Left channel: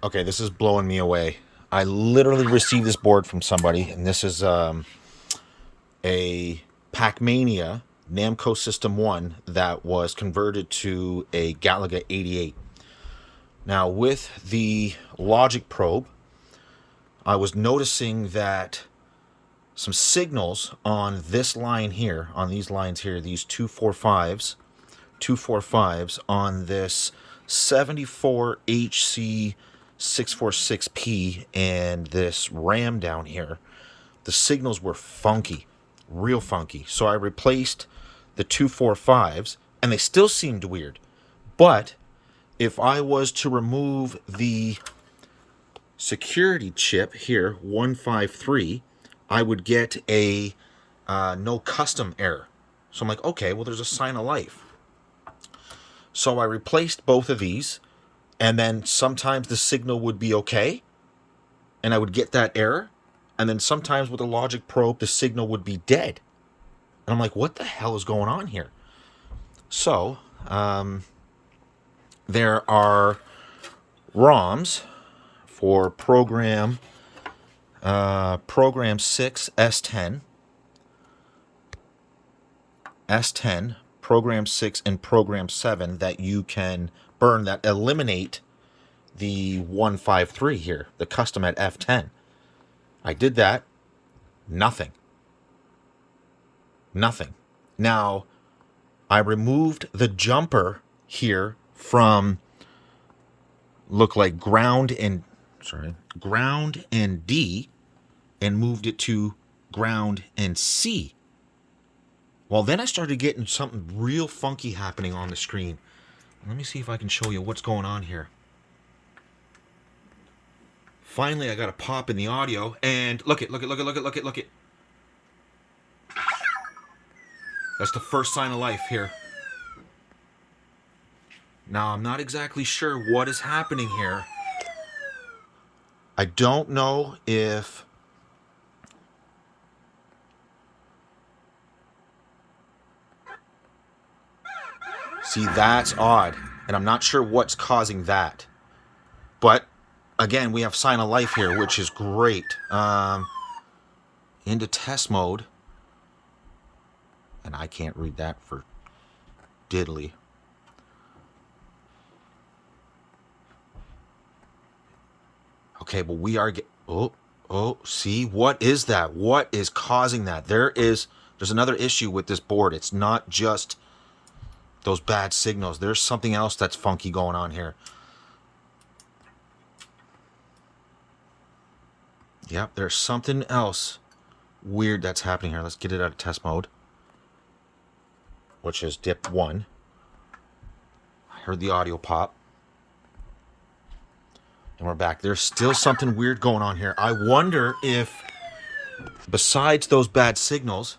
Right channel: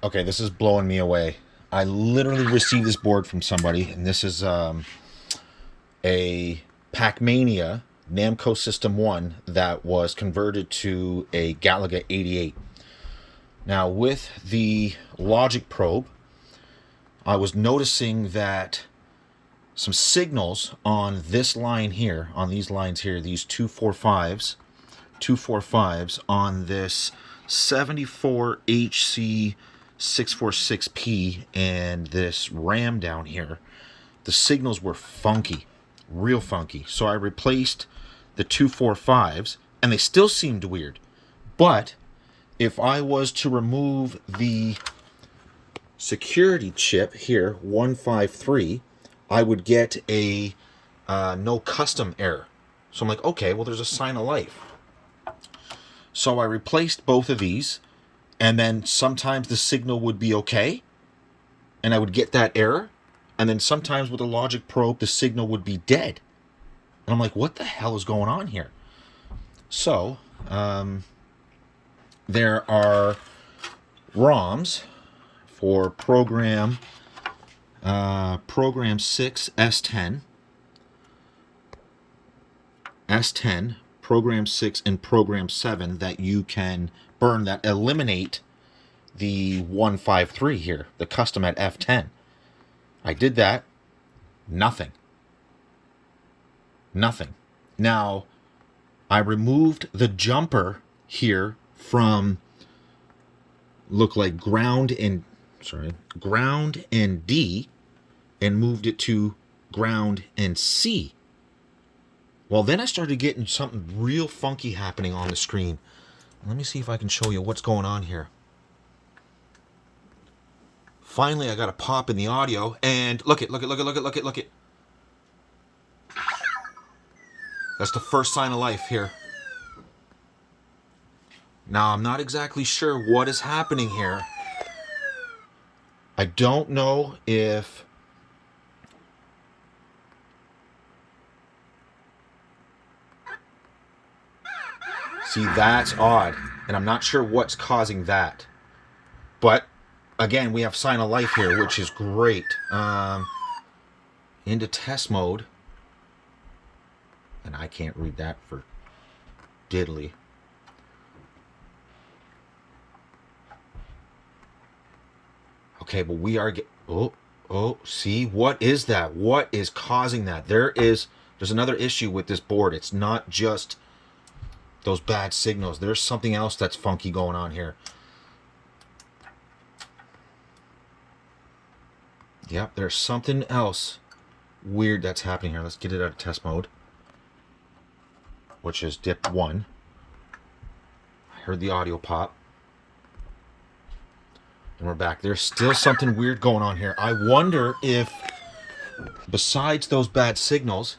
Okay, this is blowing me away. I literally received this board from somebody, and this is a Pac-Mania Namco System 1 that was converted to a Galaga88. Now, with the logic probe, I was noticing that some signals on this line here, on these lines here, these 245s on this 74HC 646P and this RAM down here, the signals were funky, real funky. So I replaced the 245s and they still seemed weird. But if I was to remove the security chip here, 153, I would get a no custom error. So I'm like, okay, well, there's a sign of life. So I replaced both of these, and then sometimes the signal would be okay, and I would get that error, and then sometimes with the logic probe, the signal would be dead. And I'm like, what the hell is going on here? So, there are ROMs for program 6 S10, program 6 and program 7 that you can burn that eliminate the 153 here, the custom at F10. I did that. Nothing. Now, I removed the jumper here from look like ground and D and moved it to ground and C. Well, then I started getting something real funky happening on the screen. Let me see if I can show you what's going on here. Finally, I got a pop in the audio, and look it. That's the first sign of life here. Now, I'm not exactly sure what is happening here. I don't know if... See, that's odd, and I'm not sure what's causing that. But, again, we have sign of life here, which is great. Into test mode. And I can't read that for diddly. Okay, but we are see, what is that? What is causing that? There's another issue with this board. It's not just those bad signals. There's something else that's funky going on here. Yep, there's something else weird that's happening here. Let's get it out of test mode, which is dip 1. I heard the audio pop. And we're back. There's still something weird going on here. I wonder if, besides those bad signals,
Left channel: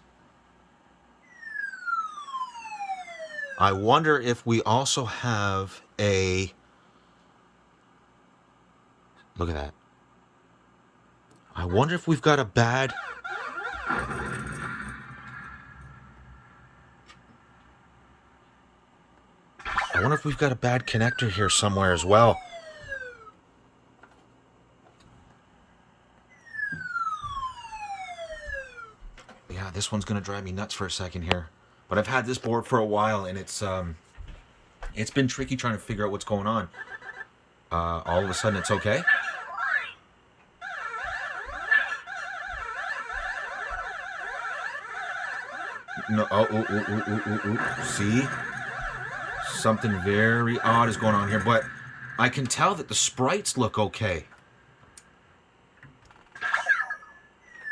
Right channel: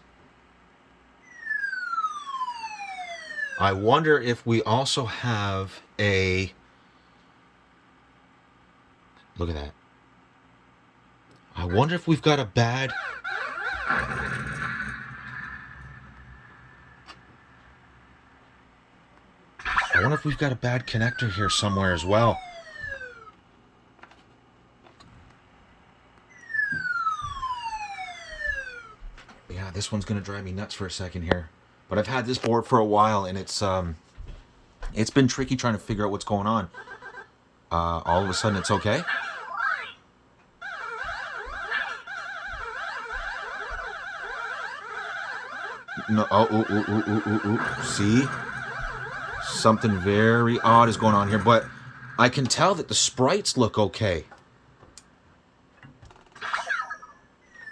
I wonder if we also have a... Look at that. I wonder if we've got a bad... I wonder if we've got a bad connector here somewhere as well. Yeah, this one's going to drive me nuts for a second here. But I've had this board for a while, and it's been tricky trying to figure out what's going on. All of a sudden, it's okay. No, see? Something very odd is going on here, but I can tell that the sprites look okay.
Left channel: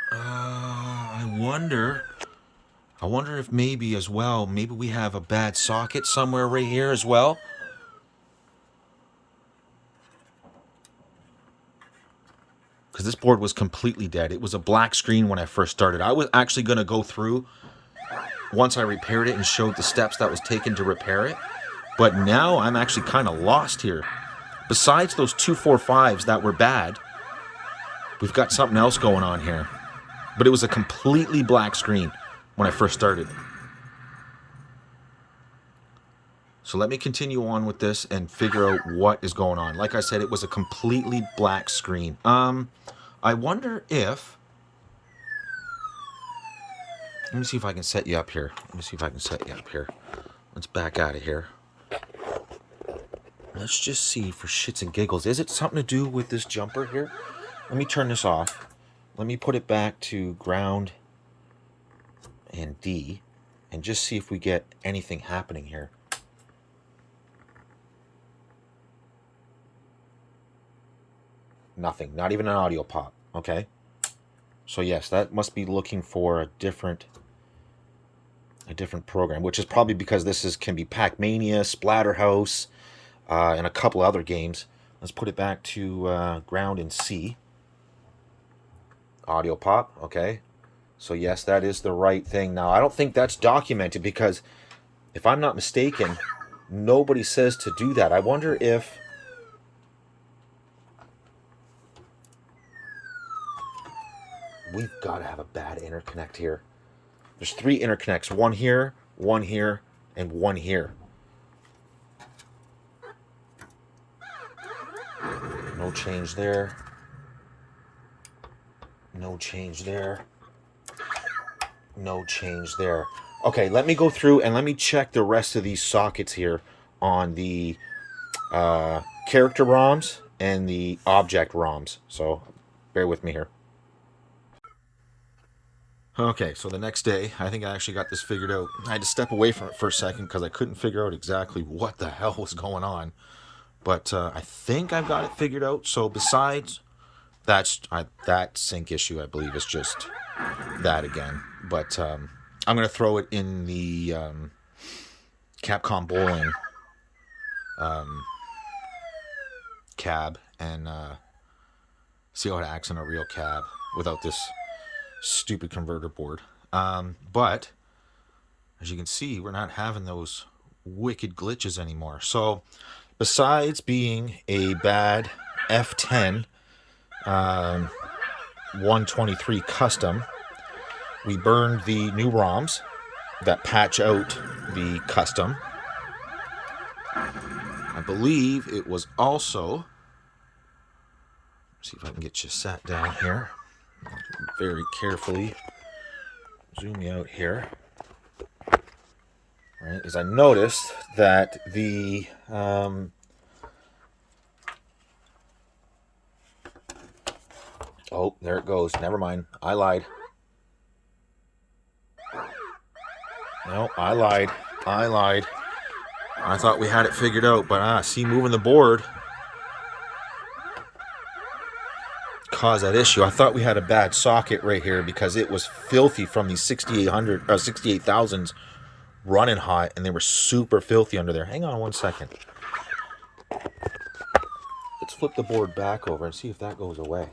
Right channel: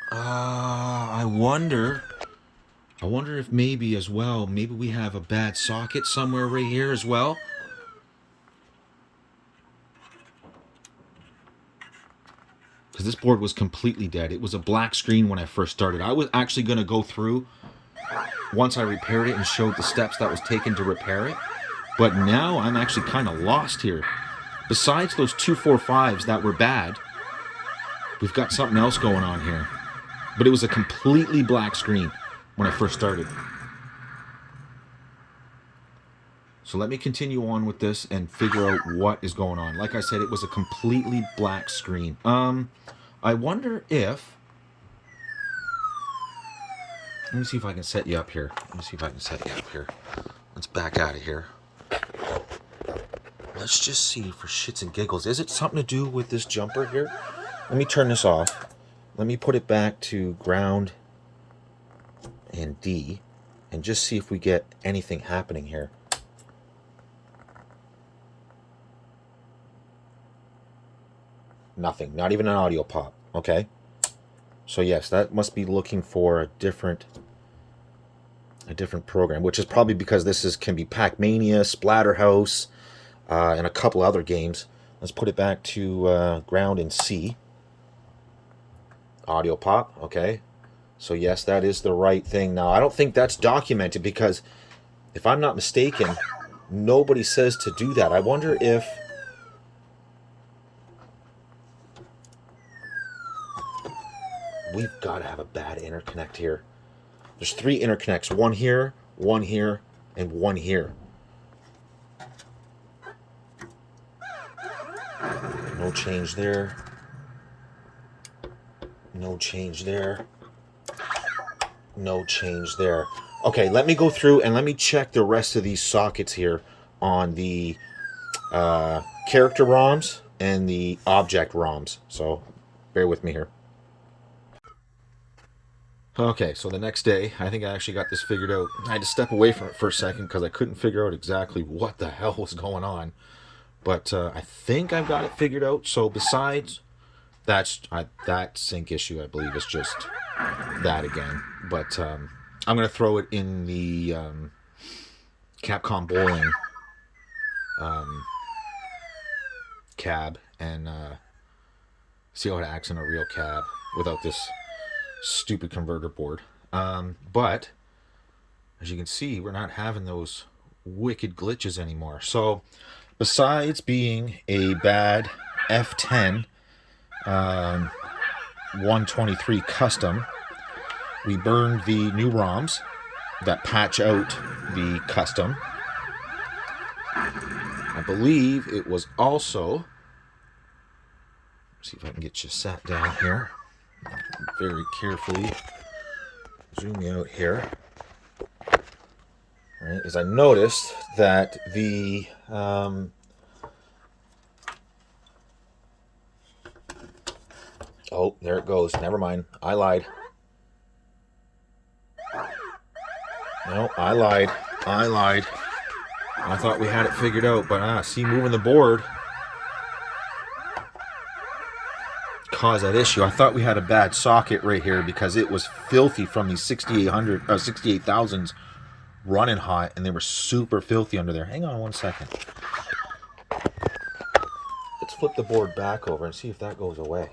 I wonder if maybe as well, maybe we have a bad socket somewhere right here as well. Because this board was completely dead. It was a black screen when I first started. I was actually going to go through once I repaired it and showed the steps that was taken to repair it. But now I'm actually kind of lost here. Besides those 245s that were bad, we've got something else going on here. But it was a completely black screen when I first started. So let me continue on with this and figure out what is going on. Like I said, it was a completely black screen. I wonder if... Let me see if I can set you up here. Let's back out of here. Let's just see for shits and giggles. Is it something to do with this jumper here? Let me turn this off. Let me put it back to ground and D and just see if we get anything happening here. Nothing. Not even an audio pop. Okay. So yes, that must be looking for a different program, which is probably because this can be Pac-Mania, Splatterhouse, and a couple other games. Let's put it back to ground and C. Audio pop. Okay. So yes, that is the right thing. Now, I don't think that's documented because if I'm not mistaken, nobody says to do that. I wonder if... We've got to have a bad interconnect here. There's 3 interconnects. One here, and one here. No change there. No change there. No change there. Okay, let me go through and let me check the rest of these sockets here on the character ROMs and the object ROMs. So bear with me here. Okay, so the next day, I think I actually got this figured out. I had to step away from it for a second because I couldn't figure out exactly what the hell was going on. But I think I've got it figured out. So besides that sync issue, I believe, is just that again. But I'm going to throw it in the Capcom Bowling cab and see how it acts in a real cab without this stupid converter board. But as you can see, we're not having those wicked glitches anymore. So besides being a bad F10 123 custom, we burned the new ROMs that patch out the custom. I believe it was also... See if I can get you sat down here. Very carefully zoom you out here. All right, as I noticed that the oh, there it goes. Never mind. I lied. No, I lied. I thought we had it figured out, but see, moving the board caused that issue. I thought we had a bad socket right here because it was filthy from these 68,000s running hot, and they were super filthy under there. Hang on one second. Let's flip the board back over and see if that goes away.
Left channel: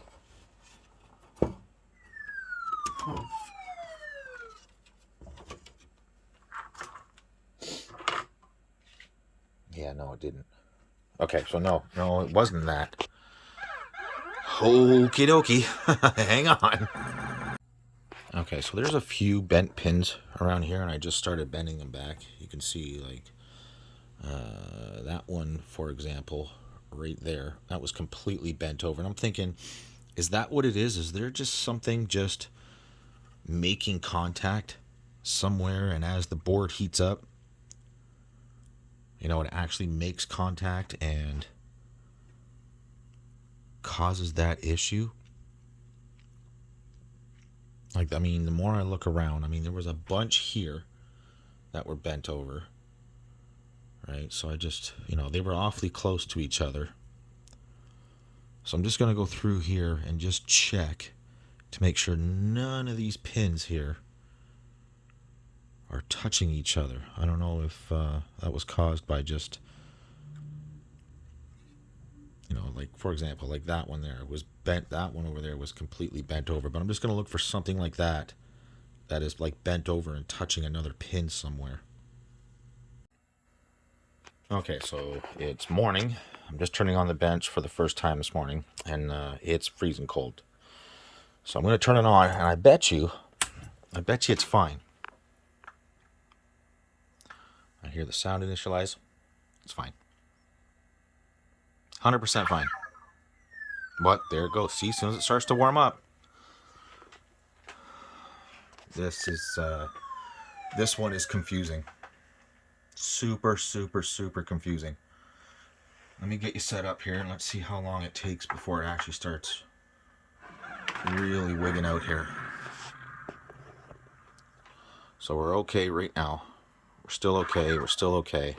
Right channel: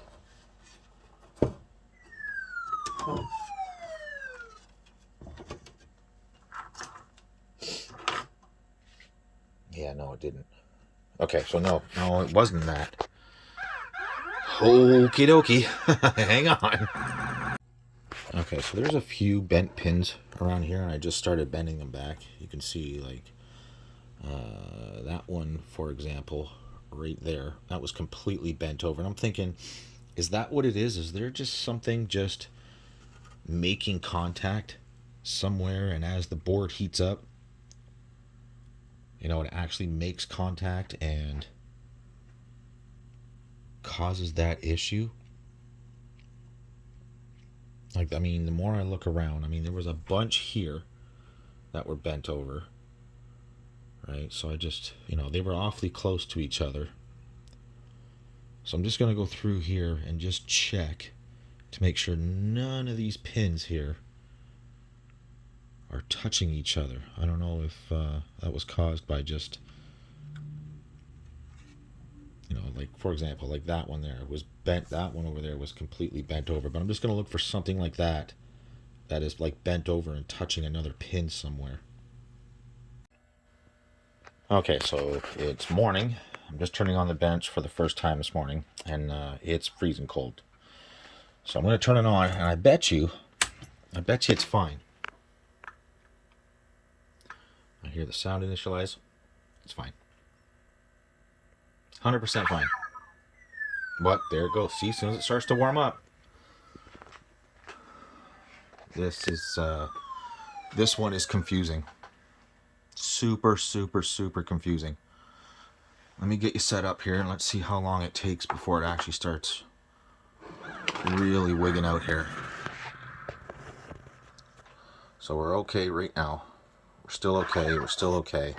Yeah, no, it didn't. Okay, so no, it wasn't that. Okie dokie. Hang on. Okay, so there's a few bent pins around here, and I just started bending them back. You can see, like, that one, for example, right there. That was completely bent over. And I'm thinking, is that what it is? Is there just something just making contact somewhere, and as the board heats up, you know, it actually makes contact and causes that issue? Like, I mean, the more I look around, I mean, there was a bunch here that were bent over, right? So I just, you know, they were awfully close to each other. So I'm just going to go through here and just check to make sure none of these pins here are touching each other. I don't know if that was caused by just, you know, like, for example, like that one there was bent. That one over there was completely bent over. But I'm just going to look for something like that that is like bent over and touching another pin somewhere. Okay, so it's morning. I'm just turning on the bench for the first time this morning, and it's freezing cold. So I'm going to turn it on, and I bet you it's fine. I hear the sound initialize. It's fine. 100% fine. But there it goes. See, as soon as it starts to warm up. This one is confusing. Super, super, super confusing. Let me get you set up here and let's see how long it takes before it actually starts really wigging out here. So we're okay right now. We're still okay. We're still okay.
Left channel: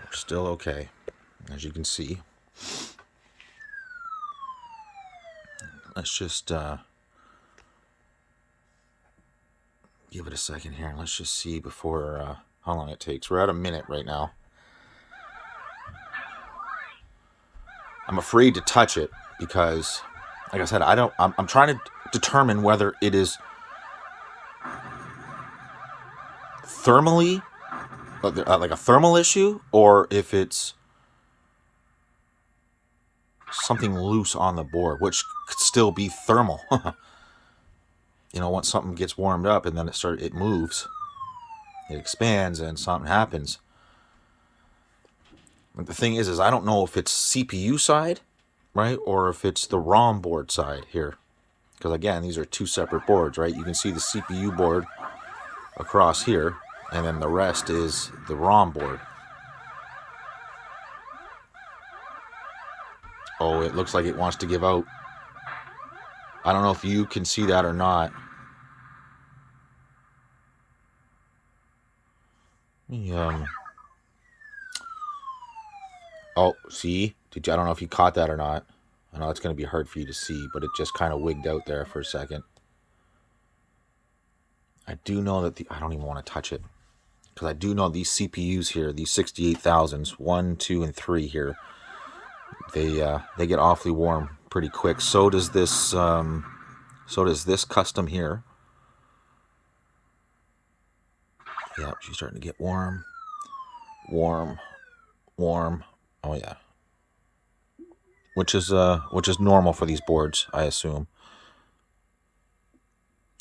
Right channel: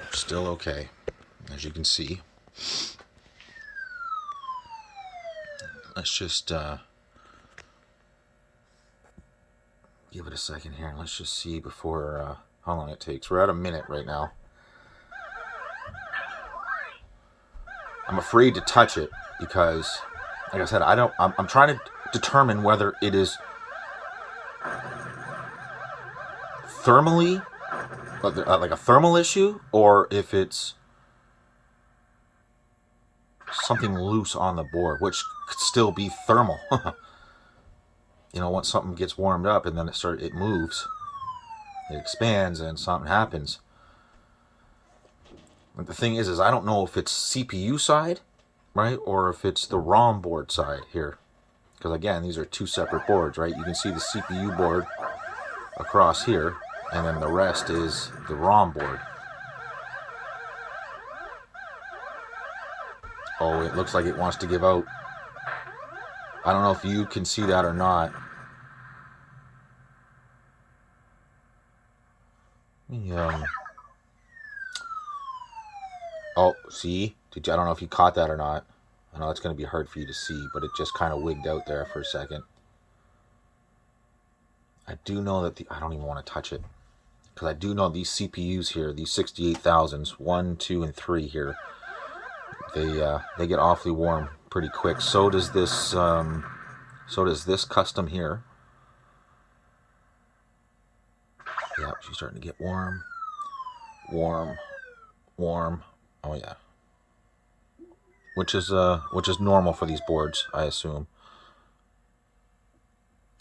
We're still okay, as you can see. Let's just give it a second here. Let's just see before how long it takes. We're at a minute right now. I'm afraid to touch it because, like I said, I'm trying to determine whether it is thermally, like a thermal issue, or if it's something loose on the board, which could still be thermal. You know, once something gets warmed up and then it moves, it expands, and something happens. But the thing is I don't know if it's CPU side, right, or if it's the ROM board side here. Because again, these are two separate boards, right? You can see the CPU board across here, and then the rest is the ROM board. Oh, it looks like it wants to give out. I don't know if you can see that or not. Oh, see? I don't know if you caught that or not. I know it's going to be hard for you to see, but it just kind of wigged out there for a second. I do know that I don't even want to touch it. Because I do know these CPUs here, these 68,000s, 1, 2, and 3 here, they get awfully warm pretty quick. So does this custom here. Yeah, she's starting to get warm. Warm. Oh yeah. Which is normal for these boards, I assume.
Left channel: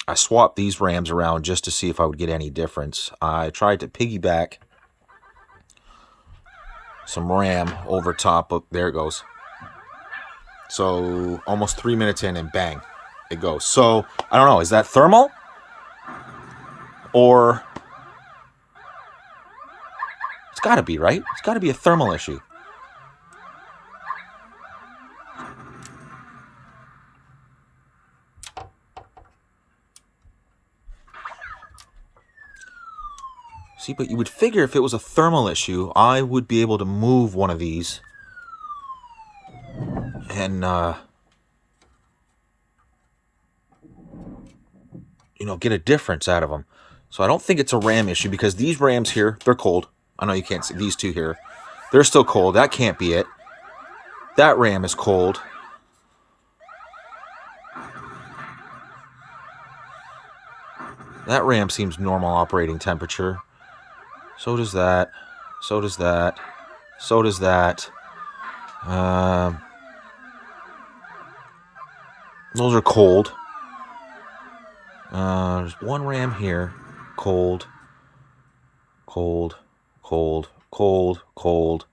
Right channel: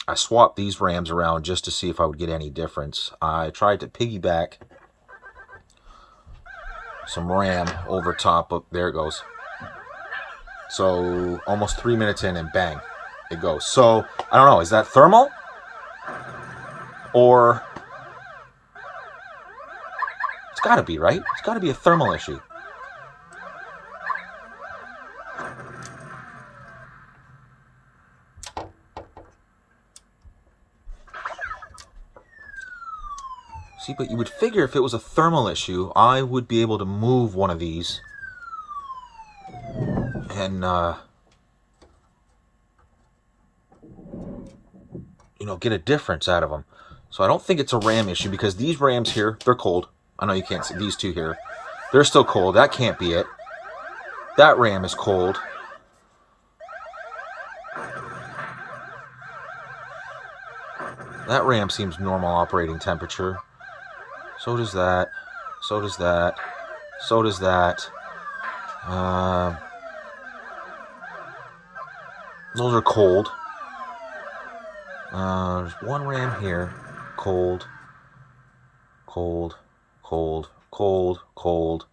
I swapped these RAMs around just to see if I would get any difference. I tried to piggyback some RAM over top of, there it goes. So almost 3 minutes in and bang, it goes. So I don't know, is that thermal? Or it's gotta be, right? It's gotta be a thermal issue. See, but you would figure if it was a thermal issue, I would be able to move one of these and, you know, get a difference out of them. So I don't think it's a RAM issue because these RAMs here, they're cold. I know you can't see these two here. They're still cold. That can't be it. That RAM is cold. That RAM seems normal operating temperature. So does that. So does that. So does that. Those are cold. There's one RAM here. Cold. Cold. Cold. Cold. Cold.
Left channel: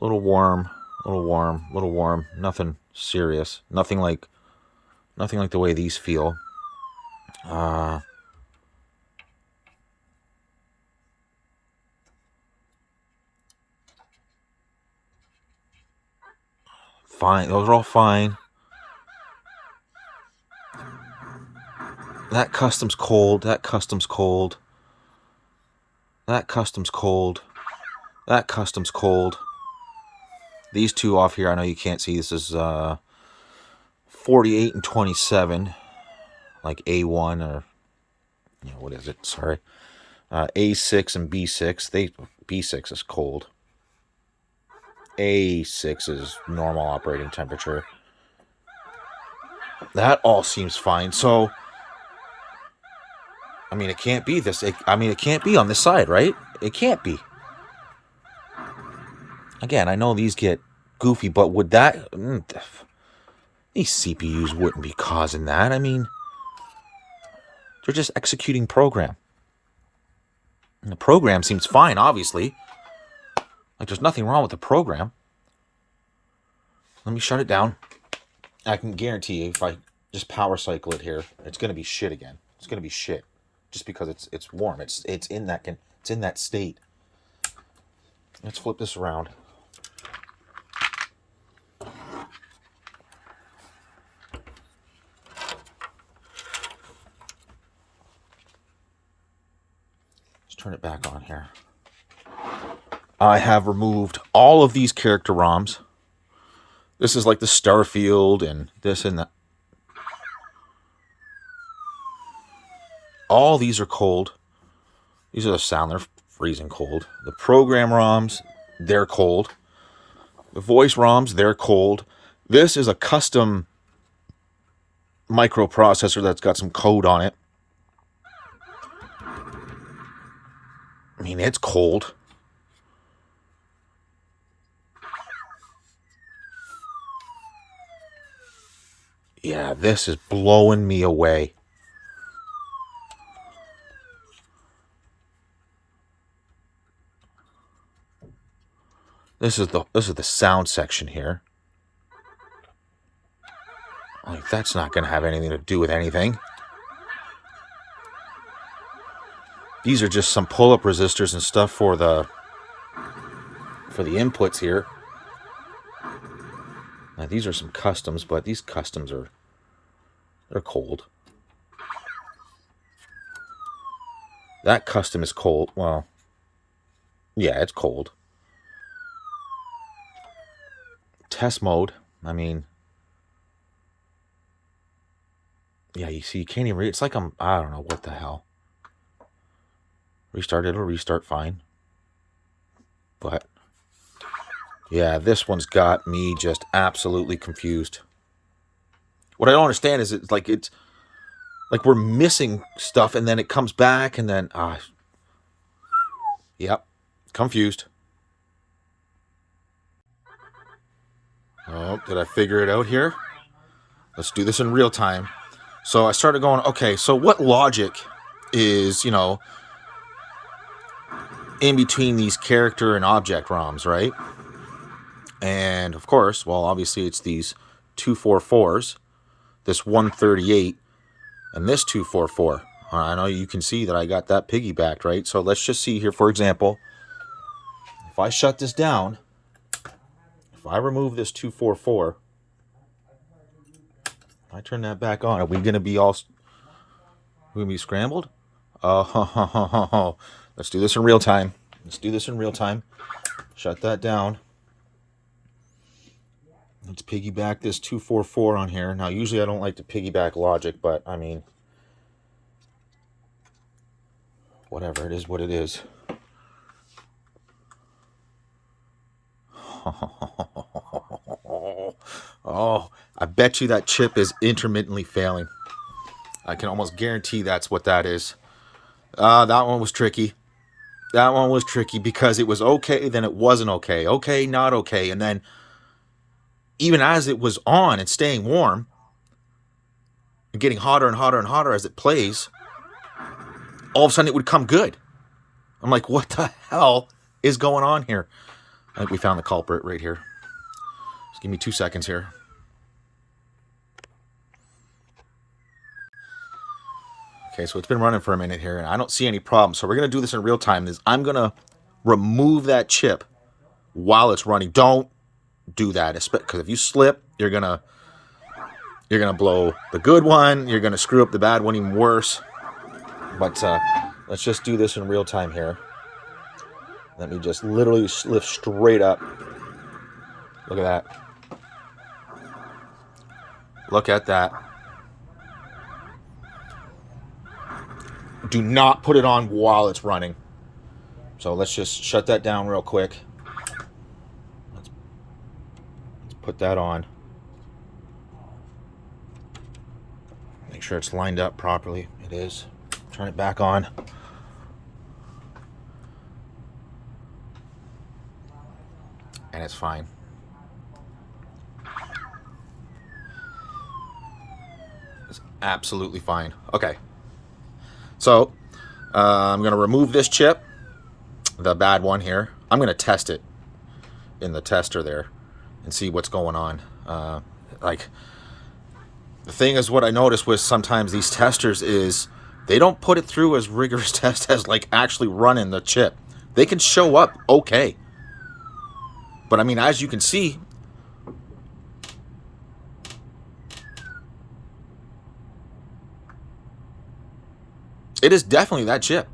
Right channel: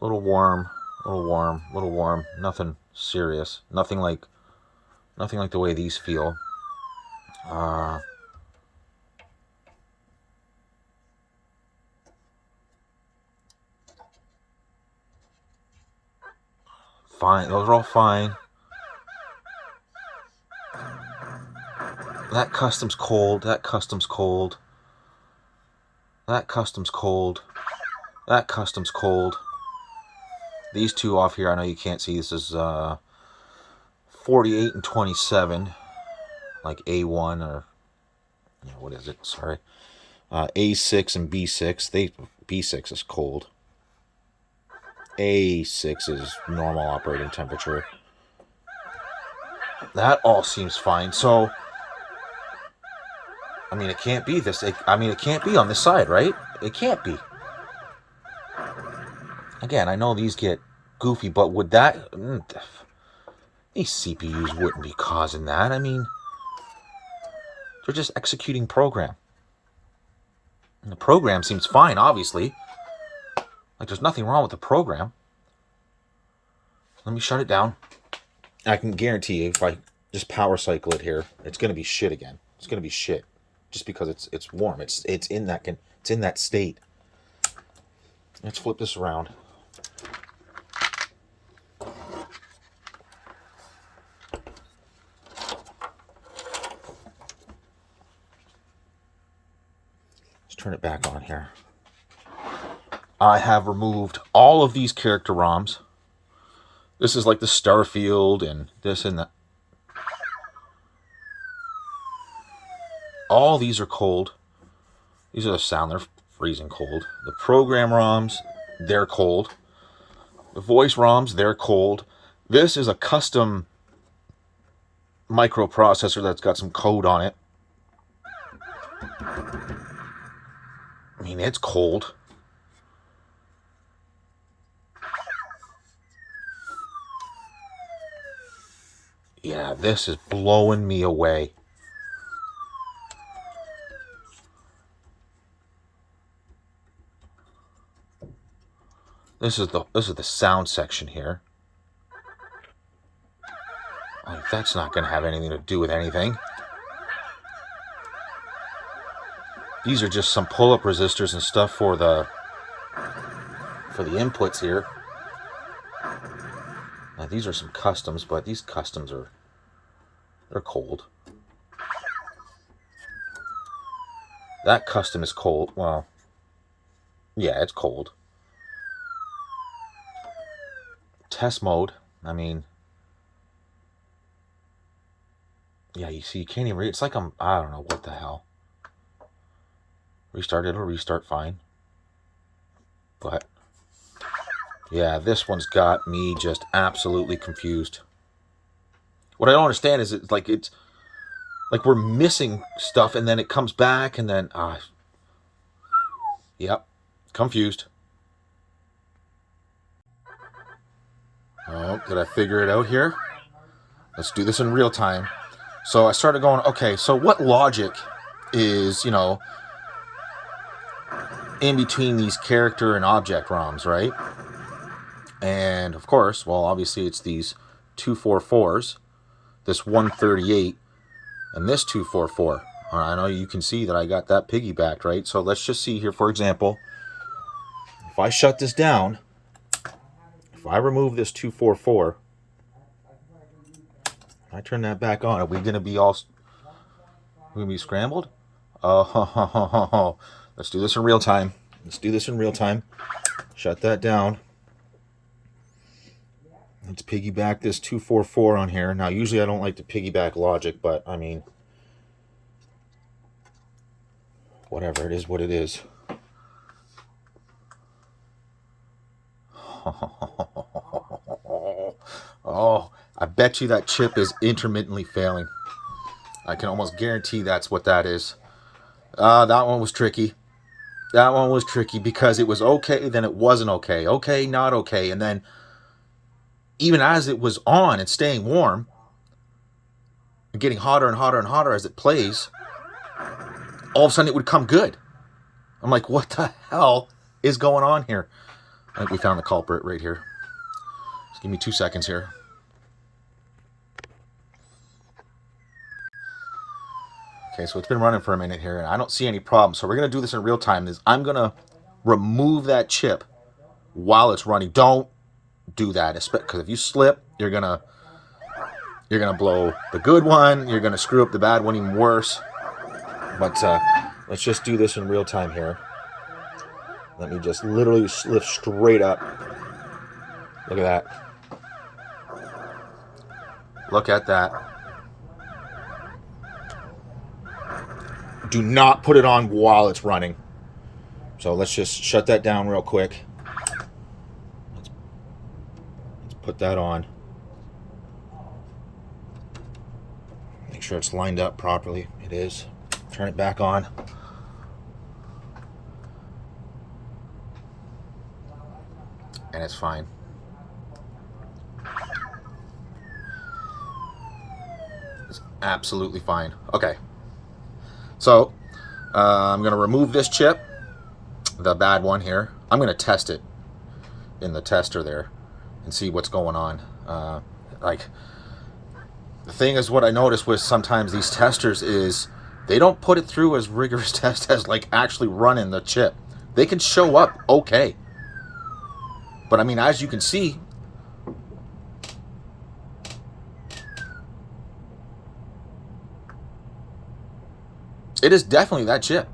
A little warm. A little warm. A little warm. Nothing serious. Nothing like the way these feel. Fine. Those are all fine. That custom's cold. That custom's cold. That custom's cold. That custom's cold. These two off here, I know you can't see. This is 48 and 27. Like A1 or... You know, what is it? Sorry. A6 and B6. B6 is cold. A6 is normal operating temperature. That all seems fine. So, I mean, it can't be this. It can't be on this side, right? It can't be. Again, I know these get goofy, but would that... These CPUs wouldn't be causing that. I mean, they're just executing program. And the program seems fine, obviously. Like, there's nothing wrong with the program. Let me shut it down. I can guarantee you, if I just power cycle it here, it's going to be shit again. It's going to be shit, just because it's warm. It's in that state. Let's flip this around. Let's turn it back on here. I have removed all of these character ROMs. This is like the Starfield and this and that. All these are cold. These are the sound. They're freezing cold. The program ROMs, they're cold. The voice ROMs, they're cold. This is a custom microprocessor that's got some code on it. I mean, it's cold. Yeah, this is blowing me away. This is the sound section here. Like, that's not going to have anything to do with anything. These are just some pull-up resistors and stuff for the inputs here. Now, these are some customs, but these customs they're cold. That custom is cold. Well, yeah, it's cold. Test mode. I mean, yeah, you see, you can't even read. It's like I don't know what the hell. Restart, it'll restart fine. But yeah, this one's got me just absolutely confused. What I don't understand is it's like we're missing stuff and then it comes back and then yep, confused. Oh, did I figure it out here? Let's do this in real time. So I started going, okay, so what logic is, in between these character and object ROMs, right? And of course, well, obviously it's these 244s, this 138, and this 244. I know you can see that I got that piggybacked, right? So let's just see here, for example, if I shut this down, if I remove this 244, I turn that back on, are we going to be scrambled? Oh, let's do this in real time. Shut that down. Let's piggyback this 244 on here. Now, usually I don't like to piggyback logic, but I mean, whatever, it is what it is. Oh, I bet you that chip is intermittently failing. I can almost guarantee that's what that is. That one was tricky. That one was tricky because it was okay, then it wasn't okay. Okay, not okay. And then even as it was on and staying warm, and getting hotter and hotter and hotter as it plays, all of a sudden it would come good. I'm like, what the hell is going on here? I think we found the culprit right here. Just give me 2 seconds here. Okay, so it's been running for a minute here, and I don't see any problem. So we're going to do this in real time. I'm going to remove that chip while it's running. Don't do that, because if you slip, you're gonna blow the good one. You're going to screw up the bad one even worse. But let's just do this in real time here. Let me just literally lift straight up. Look at that. Look at that. Do not put it on while it's running. So let's just shut that down real quick. Let's put that on. Make sure it's lined up properly. It is. Turn it back on. And it's fine. It's absolutely fine. Okay. So, I'm going to remove this chip. the bad one here. I'm going to test it in the tester there and see what's going on. Like, the thing is, what I noticed with sometimes these testers is they don't put it through as rigorous test as like actually running the chip. They can show up okay, but I mean, as you can see, it is definitely that chip.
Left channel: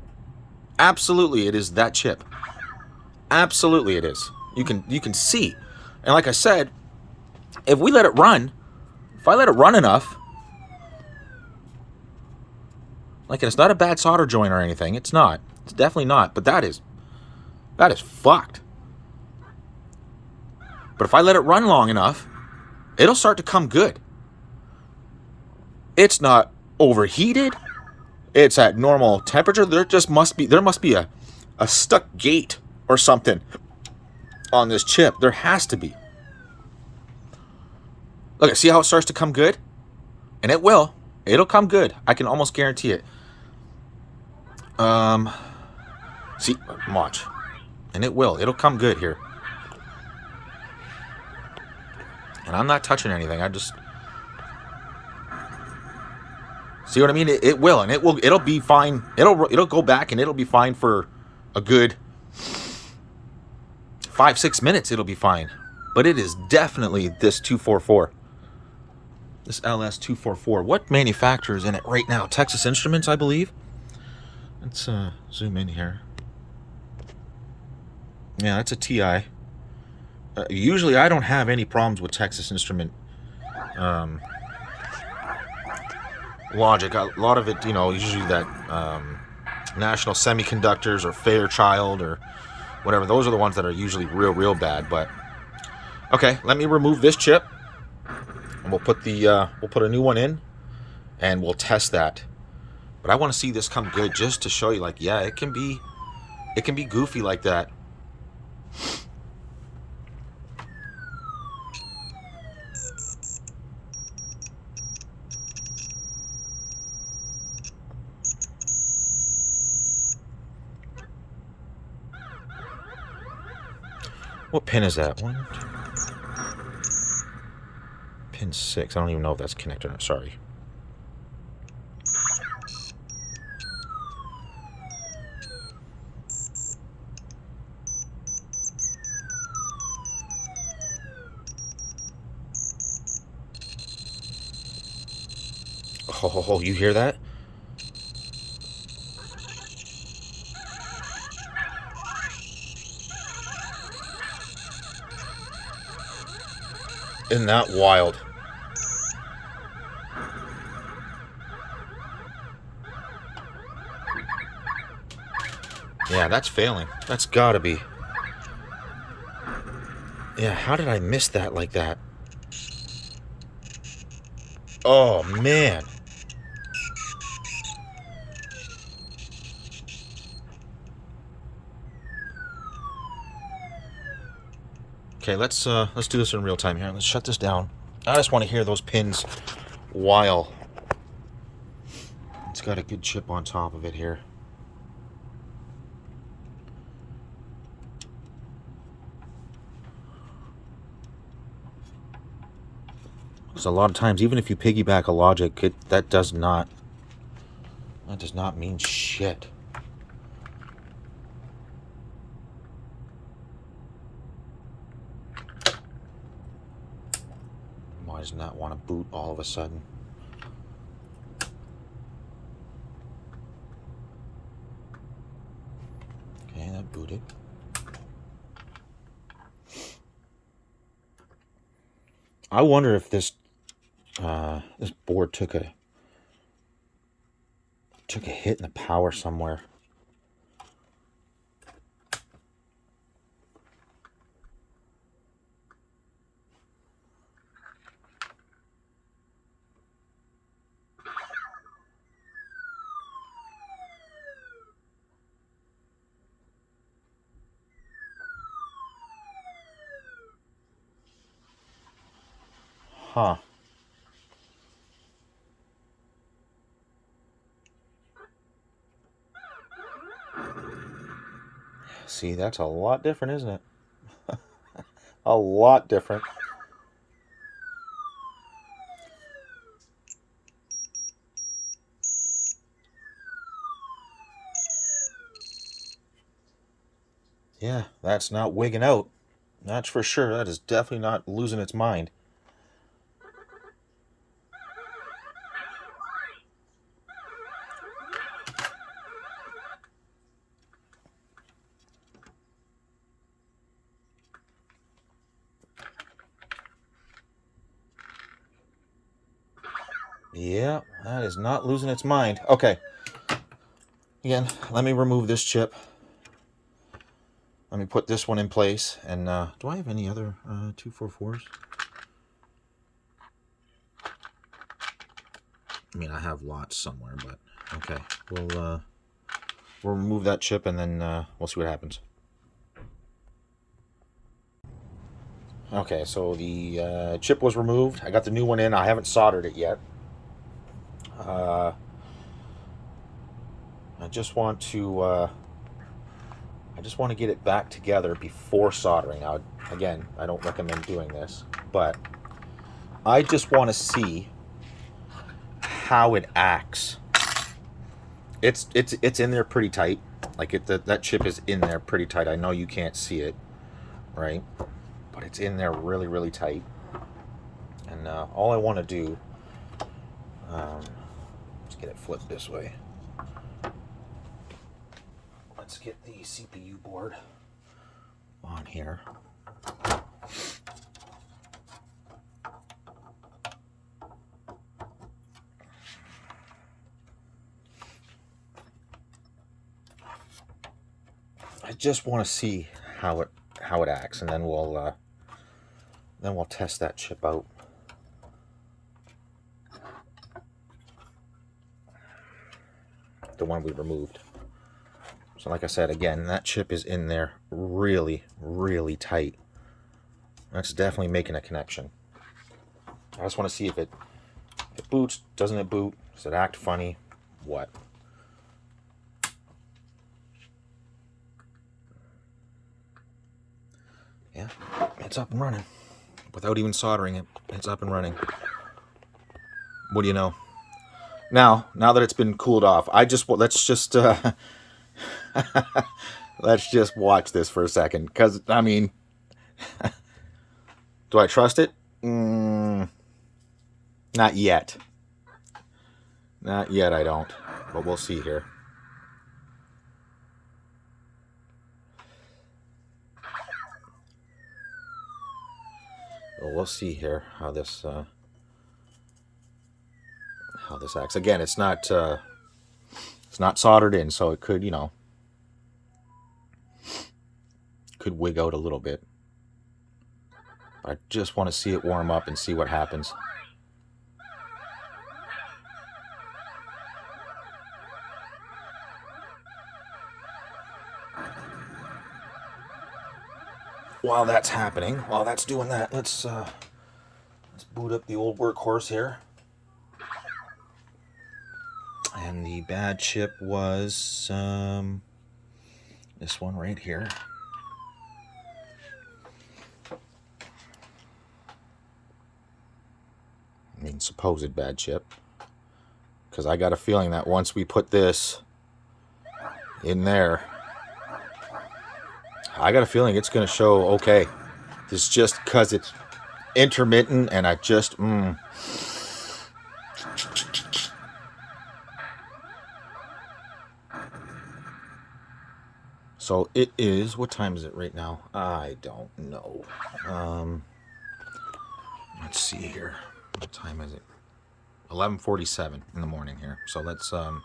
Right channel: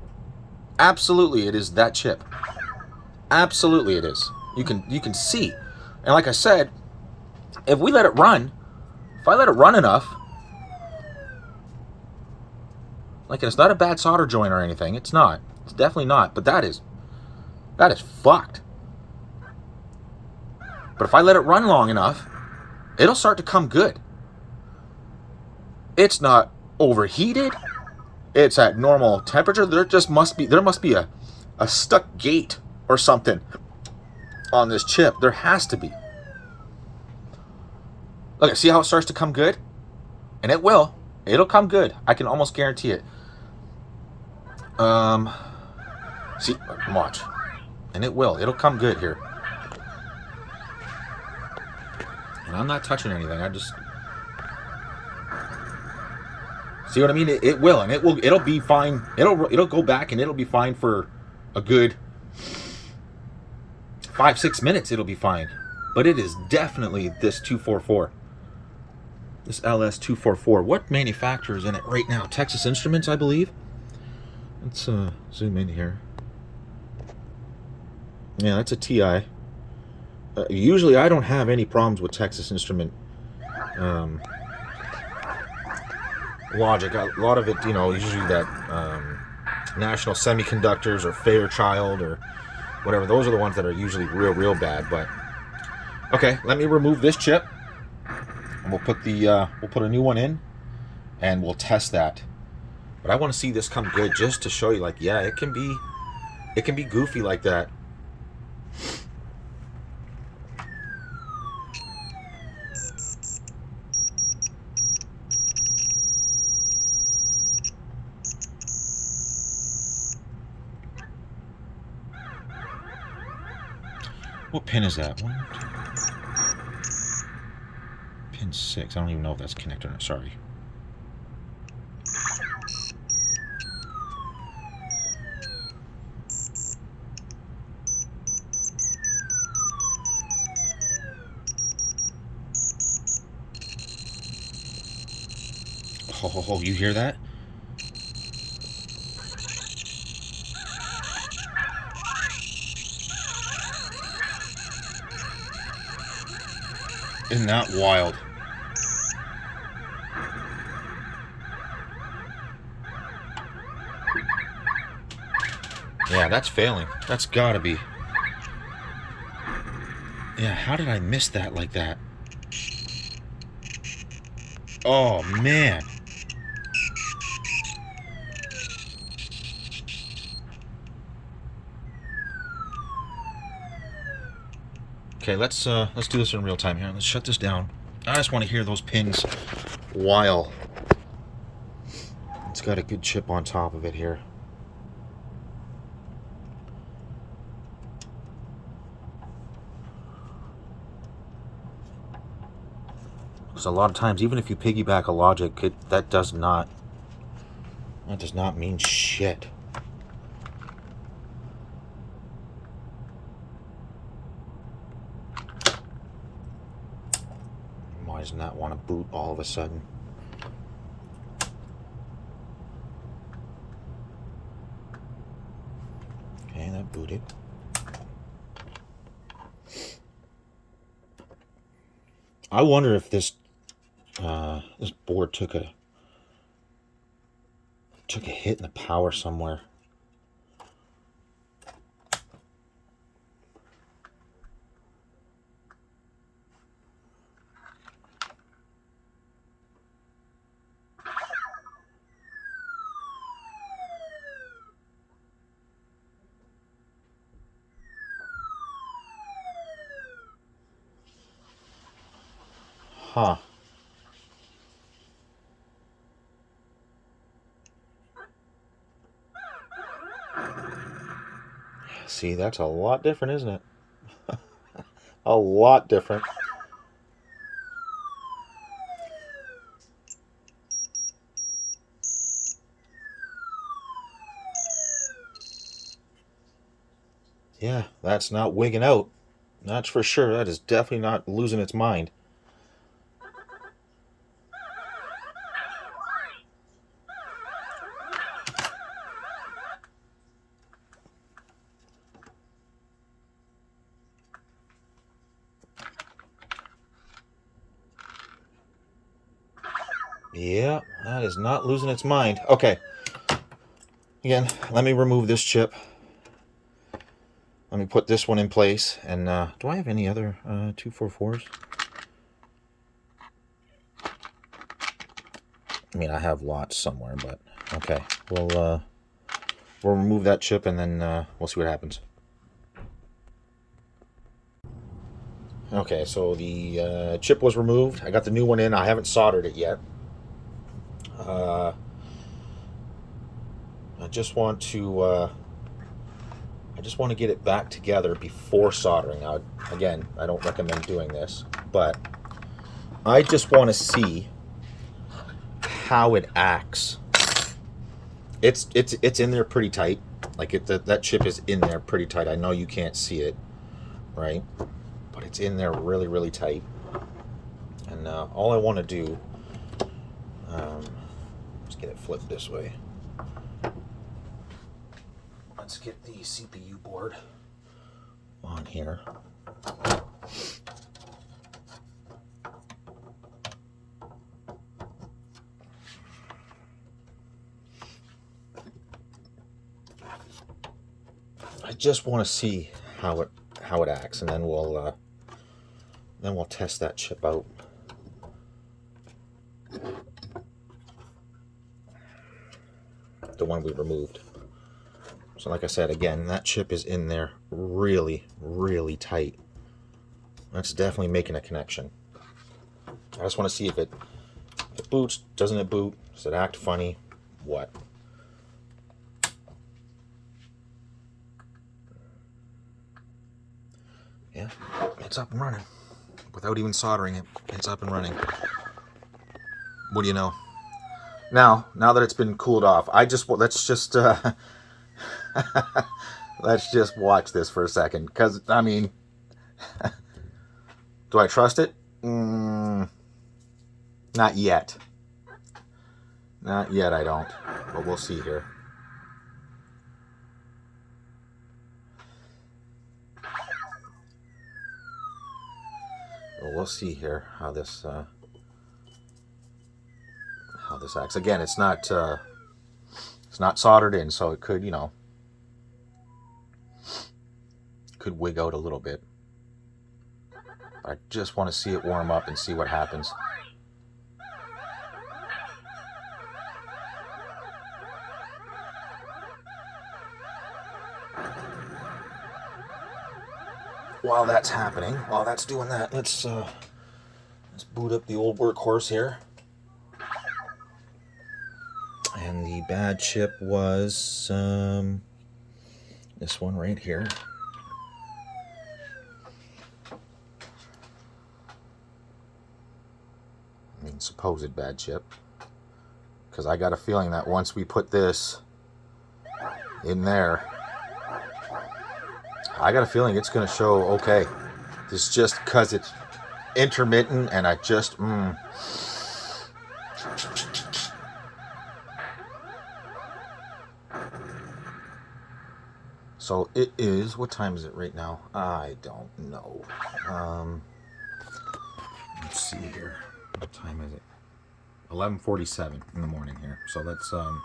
Absolutely, it is that chip. Absolutely, it is. You can see, and like I said, if we let it run, if I let it run enough, like, it's not a bad solder joint or anything. It's not. It's definitely not. But that is fucked. But if I let it run long enough, it'll start to come good. It's not overheated. It's at normal temperature. There must be a stuck gate or something on this chip. There has to be. Look, see how it starts to come good? And it will. It'll come good. I can almost guarantee it. See, watch. And it will. It'll come good here. And I'm not touching anything. I just... See what I mean? It will, and it'll be fine. It'll go back and it'll be fine for a good 5-6 minutes. It'll be fine. But it is definitely this 244. This LS244. What manufacturer is in it right now? Texas Instruments, I believe. Let's zoom in here. Yeah, that's a TI. Usually I don't have any problems with Texas Instrument logic. A lot of it, you know, usually that National Semiconductors or Fairchild or whatever, those are the ones that are usually real bad. But okay, let me remove this chip, and we'll put a new one in, and we'll test that. But I want to see this come good, just to show you, like, yeah, it can be goofy like that. What pin is that? One, pin 6. I don't even know if that's connected or not. Sorry. Oh, you hear that? Isn't that wild? Yeah, that's failing. That's gotta be. Yeah, how did I miss that like that? Oh, man. Okay, let's do this in real time here. Let's shut this down. I just want to hear those pins while it's got a good chip on top of it here. Because a lot of times, even if you piggyback a logic, that does not mean shit. Why doesn't that want to boot all of a sudden? Okay, that booted. I wonder if this board took a hit in the power somewhere. Huh. See, that's a lot different, isn't it? A lot different. Yeah, that's not wigging out. That's for sure. That is definitely not losing its mind. Yeah, that is not losing its mind. Okay. Again, let me remove this chip. Let me put this one in place. And do I have any other 244s? I mean, I have lots somewhere, but okay. We'll remove that chip and then we'll see what happens. Okay, so the chip was removed. I got the new one in. I haven't soldered it yet. I just want to get it back together before soldering. Now, again, I don't recommend doing this, but I just want to see how it acts. It's in there pretty tight. Like that chip is in there pretty tight. I know you can't see it, right? But it's in there really, really tight. And all I want to do, let's get it flipped this way. Let's get the CPU board on here. I just want to see how it acts, and then we'll test that chip out. The one we removed. So like I said, again, that chip is in there really, really tight. That's definitely making a connection. I just want to see if it boots, doesn't it boot, does it act funny, what? Yeah, it's up and running. Without even soldering it, it's up and running. What do you know? Now that it's been cooled off, let's just watch this for a second, because I mean, do I trust it? Not yet. Not yet, I don't. But we'll see here. Well, we'll see here how this acts. Again, it's not soldered in, so it could, could wig out a little bit. I just want to see it warm up and see what happens. While that's happening, while that's doing that, let's boot up the old workhorse here. And the bad chip was this one right here. I mean, supposed bad chip. Because I got a feeling that once we put this in there, I got a feeling it's going to show okay. It's just because it's intermittent and I just... So it is, what time is it right now? I don't know. Let's see here. What time is it? 11:47 in the morning here. So let's, I'm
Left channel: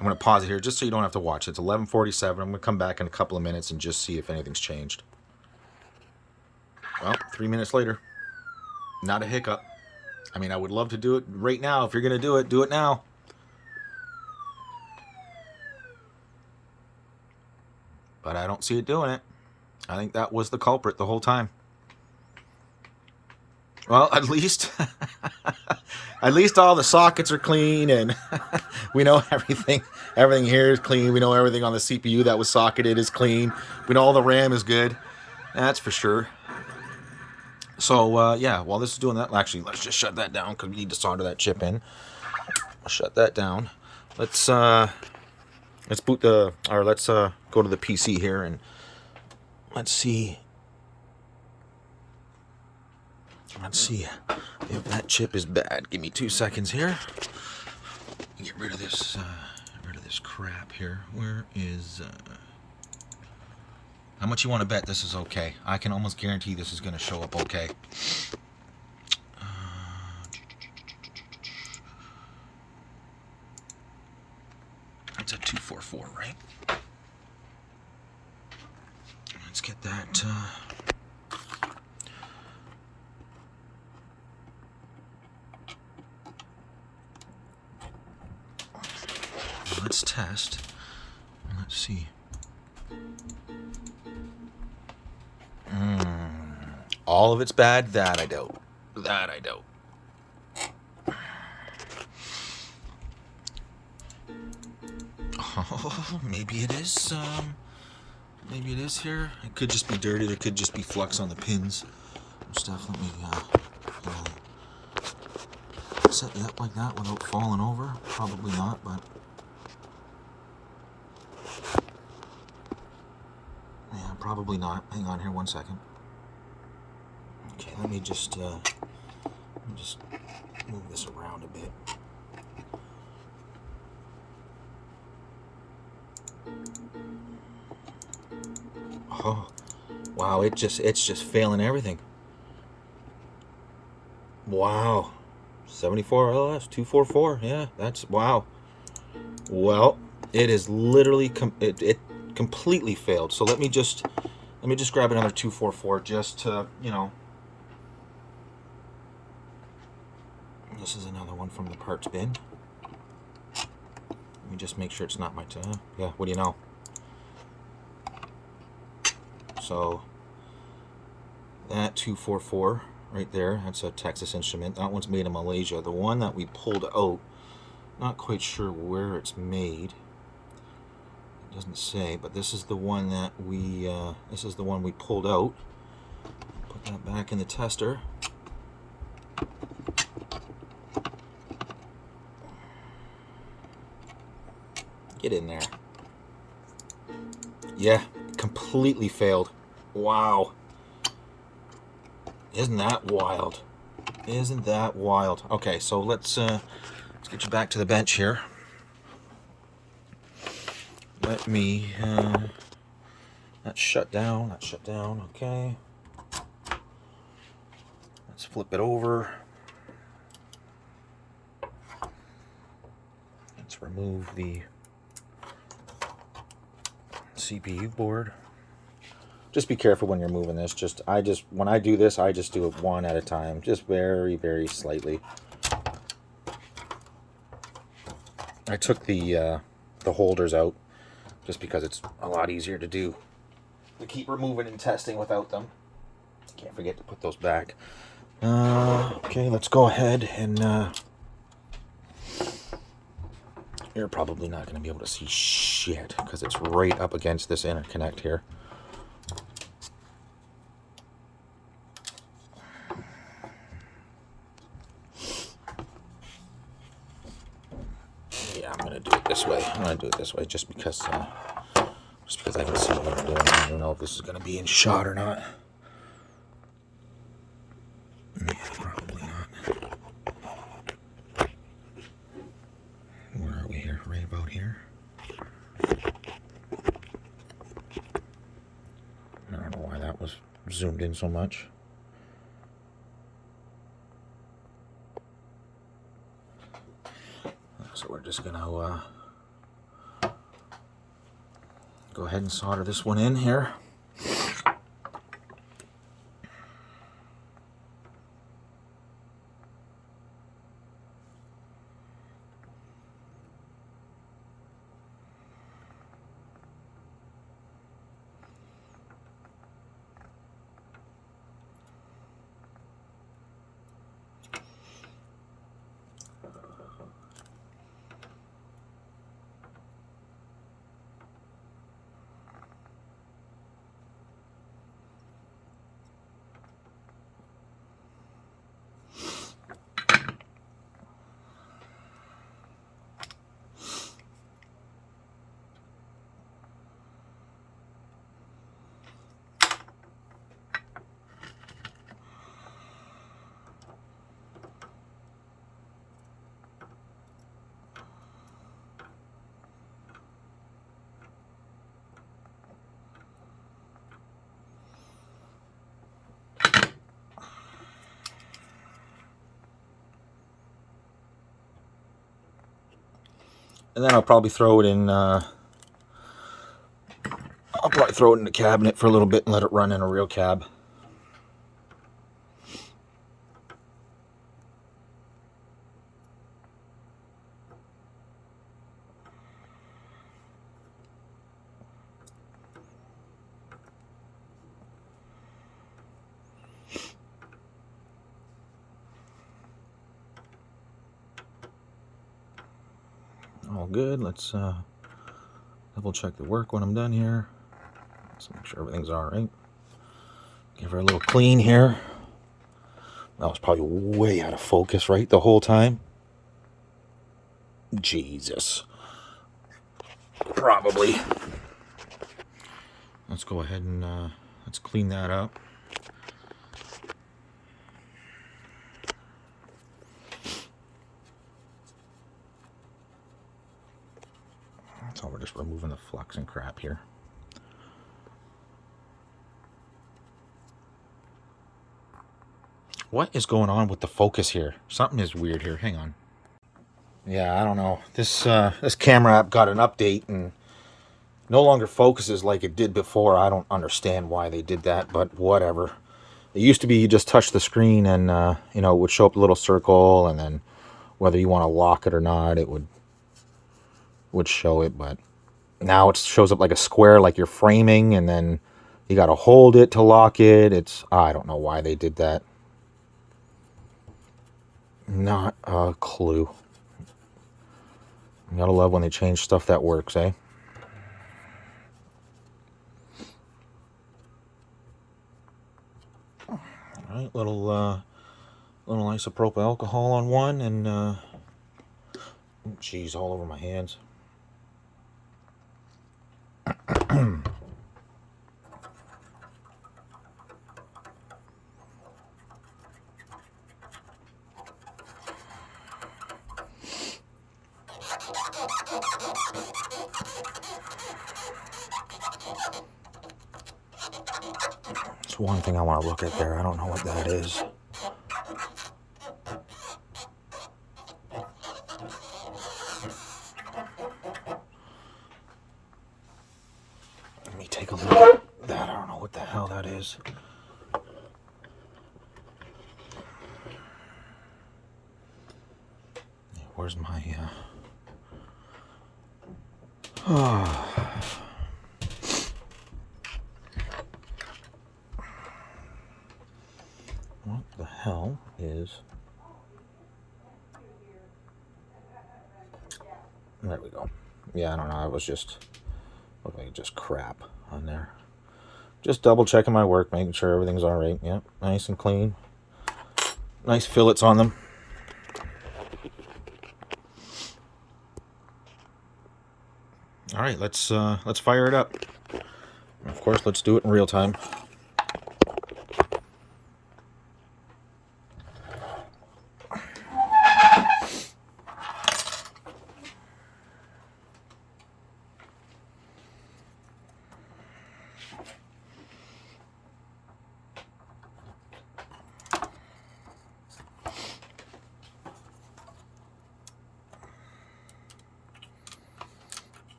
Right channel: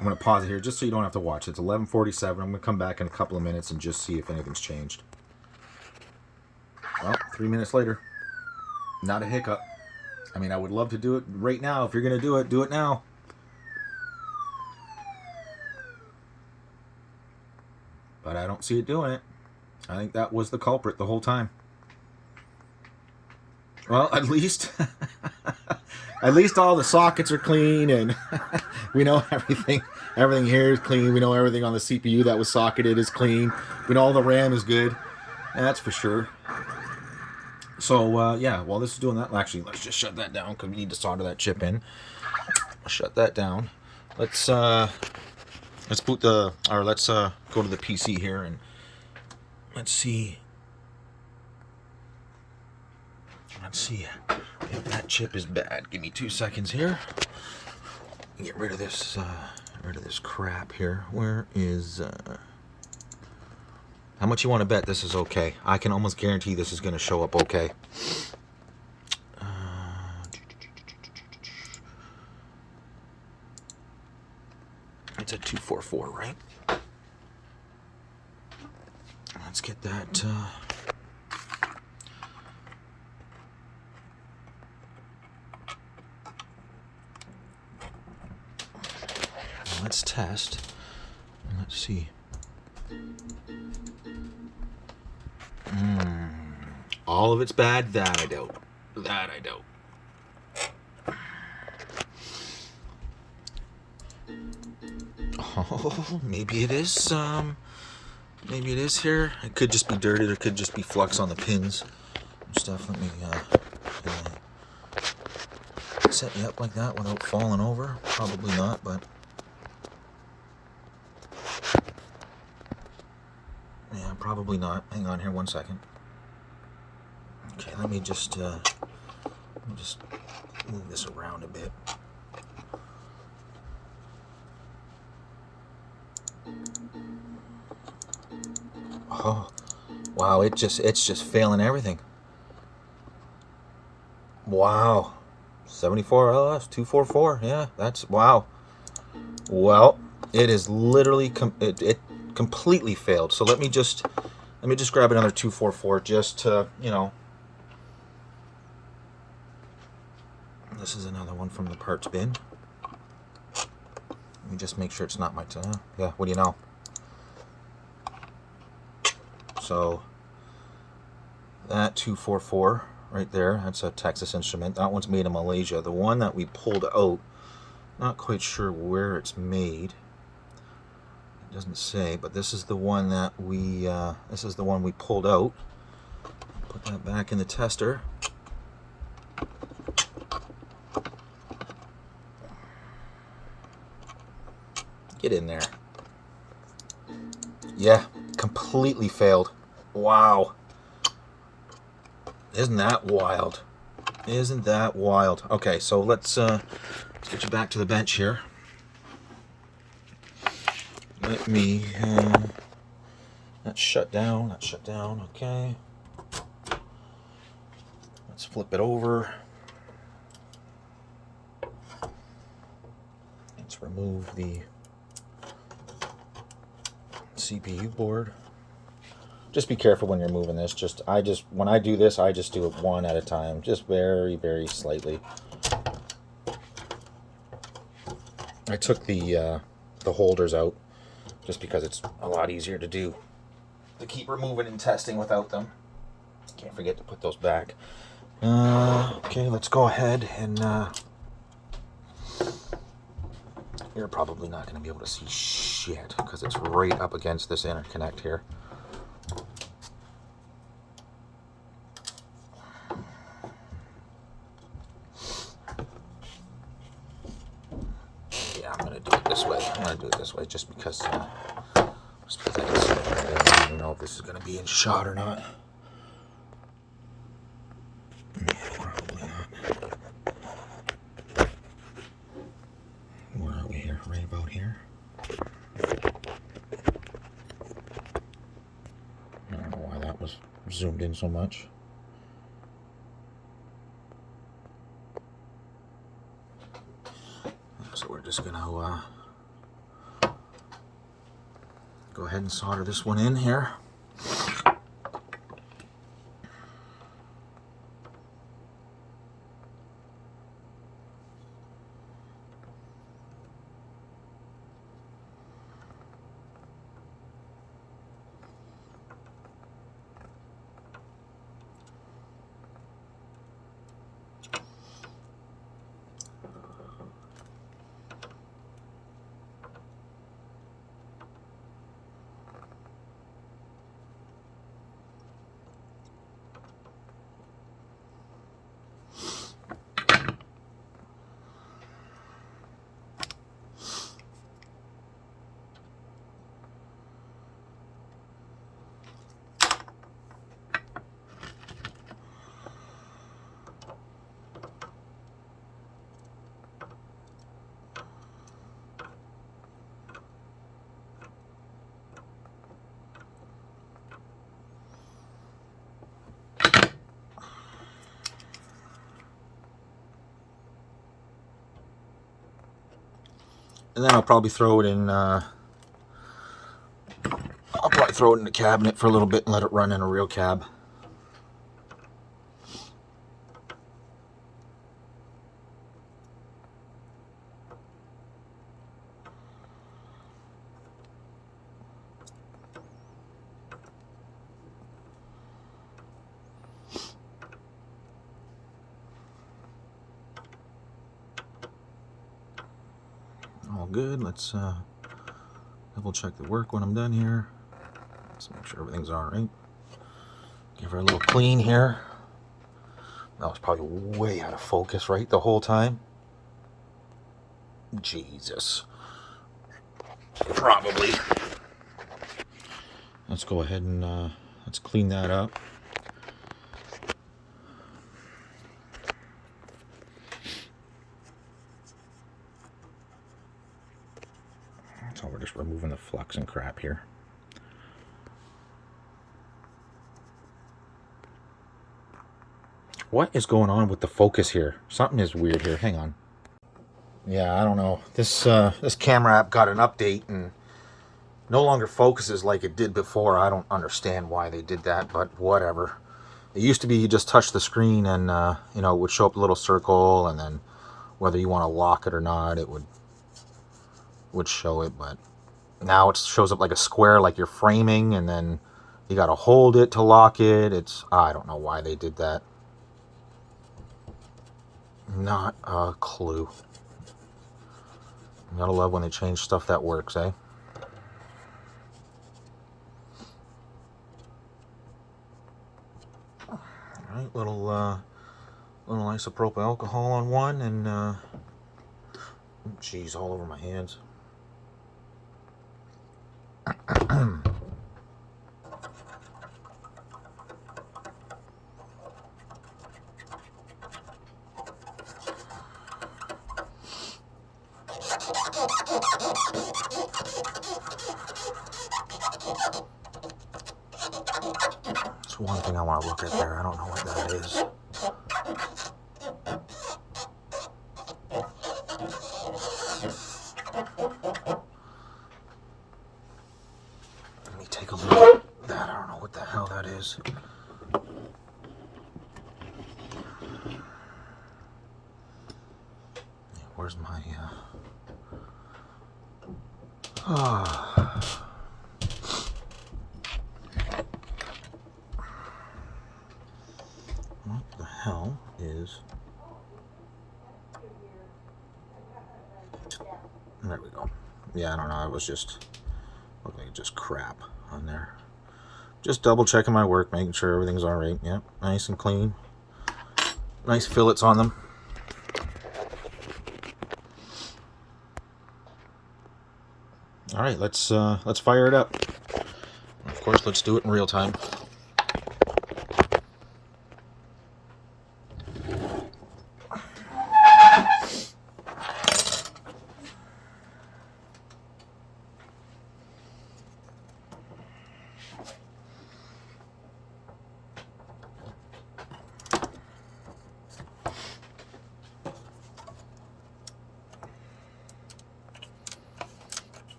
going to pause it here just so you don't have to watch. It's 11:47. I'm going to come back in a couple of minutes and just see if anything's changed. Well, 3 minutes later. Not a hiccup. I mean, I would love to do it right now. If you're going to do it now. But I don't see it doing it. I think that was the culprit the whole time. Well, at least all the sockets are clean and We know everything. Everything here is clean. We know everything on the CPU that was socketed is clean. We know all the RAM is good. That's for sure. So yeah, while this is doing that, actually, let's just shut that down because we need to solder that chip in. I'll shut that down. Let's boot the, or let's go to the PC here and let's see. Let's see if that chip is bad. Give me 2 seconds here. Get rid of this crap here. Where is? How much you want to bet this is okay? I can almost guarantee this is going to show up okay. It's a 244, right? Let's get that. Let's test. Let's see. All of it's bad. That I doubt. That I doubt. Oh, maybe it is. Maybe it is here. It could just be dirty. There could just be flux on the pins and stuff. Let me set you up like that without falling over. Probably not, but yeah, probably not. Hang on here 1 second. Okay, let me just move this around a bit. Oh, wow! It's just failing everything. Wow, 74 LS 244. Yeah, that's wow. Well, it is literally it completely failed. So let me just grab another 244 just to, you know. This is another one from the parts bin. Let me just make sure it's not my yeah, what do you know? So that 244 right there, that's a Texas Instrument. That one's made in Malaysia. The one that we pulled out, not quite sure where it's made. It doesn't say, but this is the one that we pulled out. Put that back in the tester. Get in there. Yeah, completely failed. Wow. Isn't that wild? Isn't that wild? Okay, so let's get you back to the bench here. Let me let's shut down. Okay. Let's flip it over. Let's remove the CPU board. Just be careful when you're moving this. When I do this, I just do it one at a time, just very, very slightly. I took the holders out just because it's a lot easier to do, to keep removing and testing without them. Can't forget to put those back. Okay, let's go ahead and you're probably not going to be able to see shit because it's right up against this interconnect here. Yeah, I'm going to do it this way. Just because I can see what I'm doing. I don't know if this is going to be in shot or not. No, probably not. Where are we here? Right about here. I don't know why that was zoomed in so much. So we're just gonna go ahead and solder this one in here. And then I'll probably throw it in. I'll probably throw it in the cabinet for a little bit and let it run in a real cab. All good. Let's double check the work when I'm done here. Let's make sure everything's all right. Give her a little clean here. That was probably way out of focus, right, the whole time. Jesus. Probably. Let's go ahead and let's clean that up. So we're just removing the flux and crap here. What is going on with the focus here? Something is weird here. Hang on. Yeah, I don't know. This camera app got an update and no longer focuses like it did before. I don't understand why they did that, but whatever. It used to be you just touch the screen and you know, it would show up a little circle, and then whether you want to lock it or not, it would show it. But now it shows up like a square, like you're framing, and then you got to hold it to lock it. I don't know why they did that. Not a clue. You gotta love when they change stuff that works, eh? Alright, little isopropyl alcohol on one, and geez, all over my hands. There's one thing I want to look at there. I don't know what that is. Let me take a look at that. I don't know what the hell that is. Where's my what the hell is... There we go. Yeah, I don't know. It was just... looked like just crap on there. Just double checking my work, making sure everything's alright. Yep, nice and clean. Nice fillets on them. Alright, let's fire it up. Of course, let's do it in real time.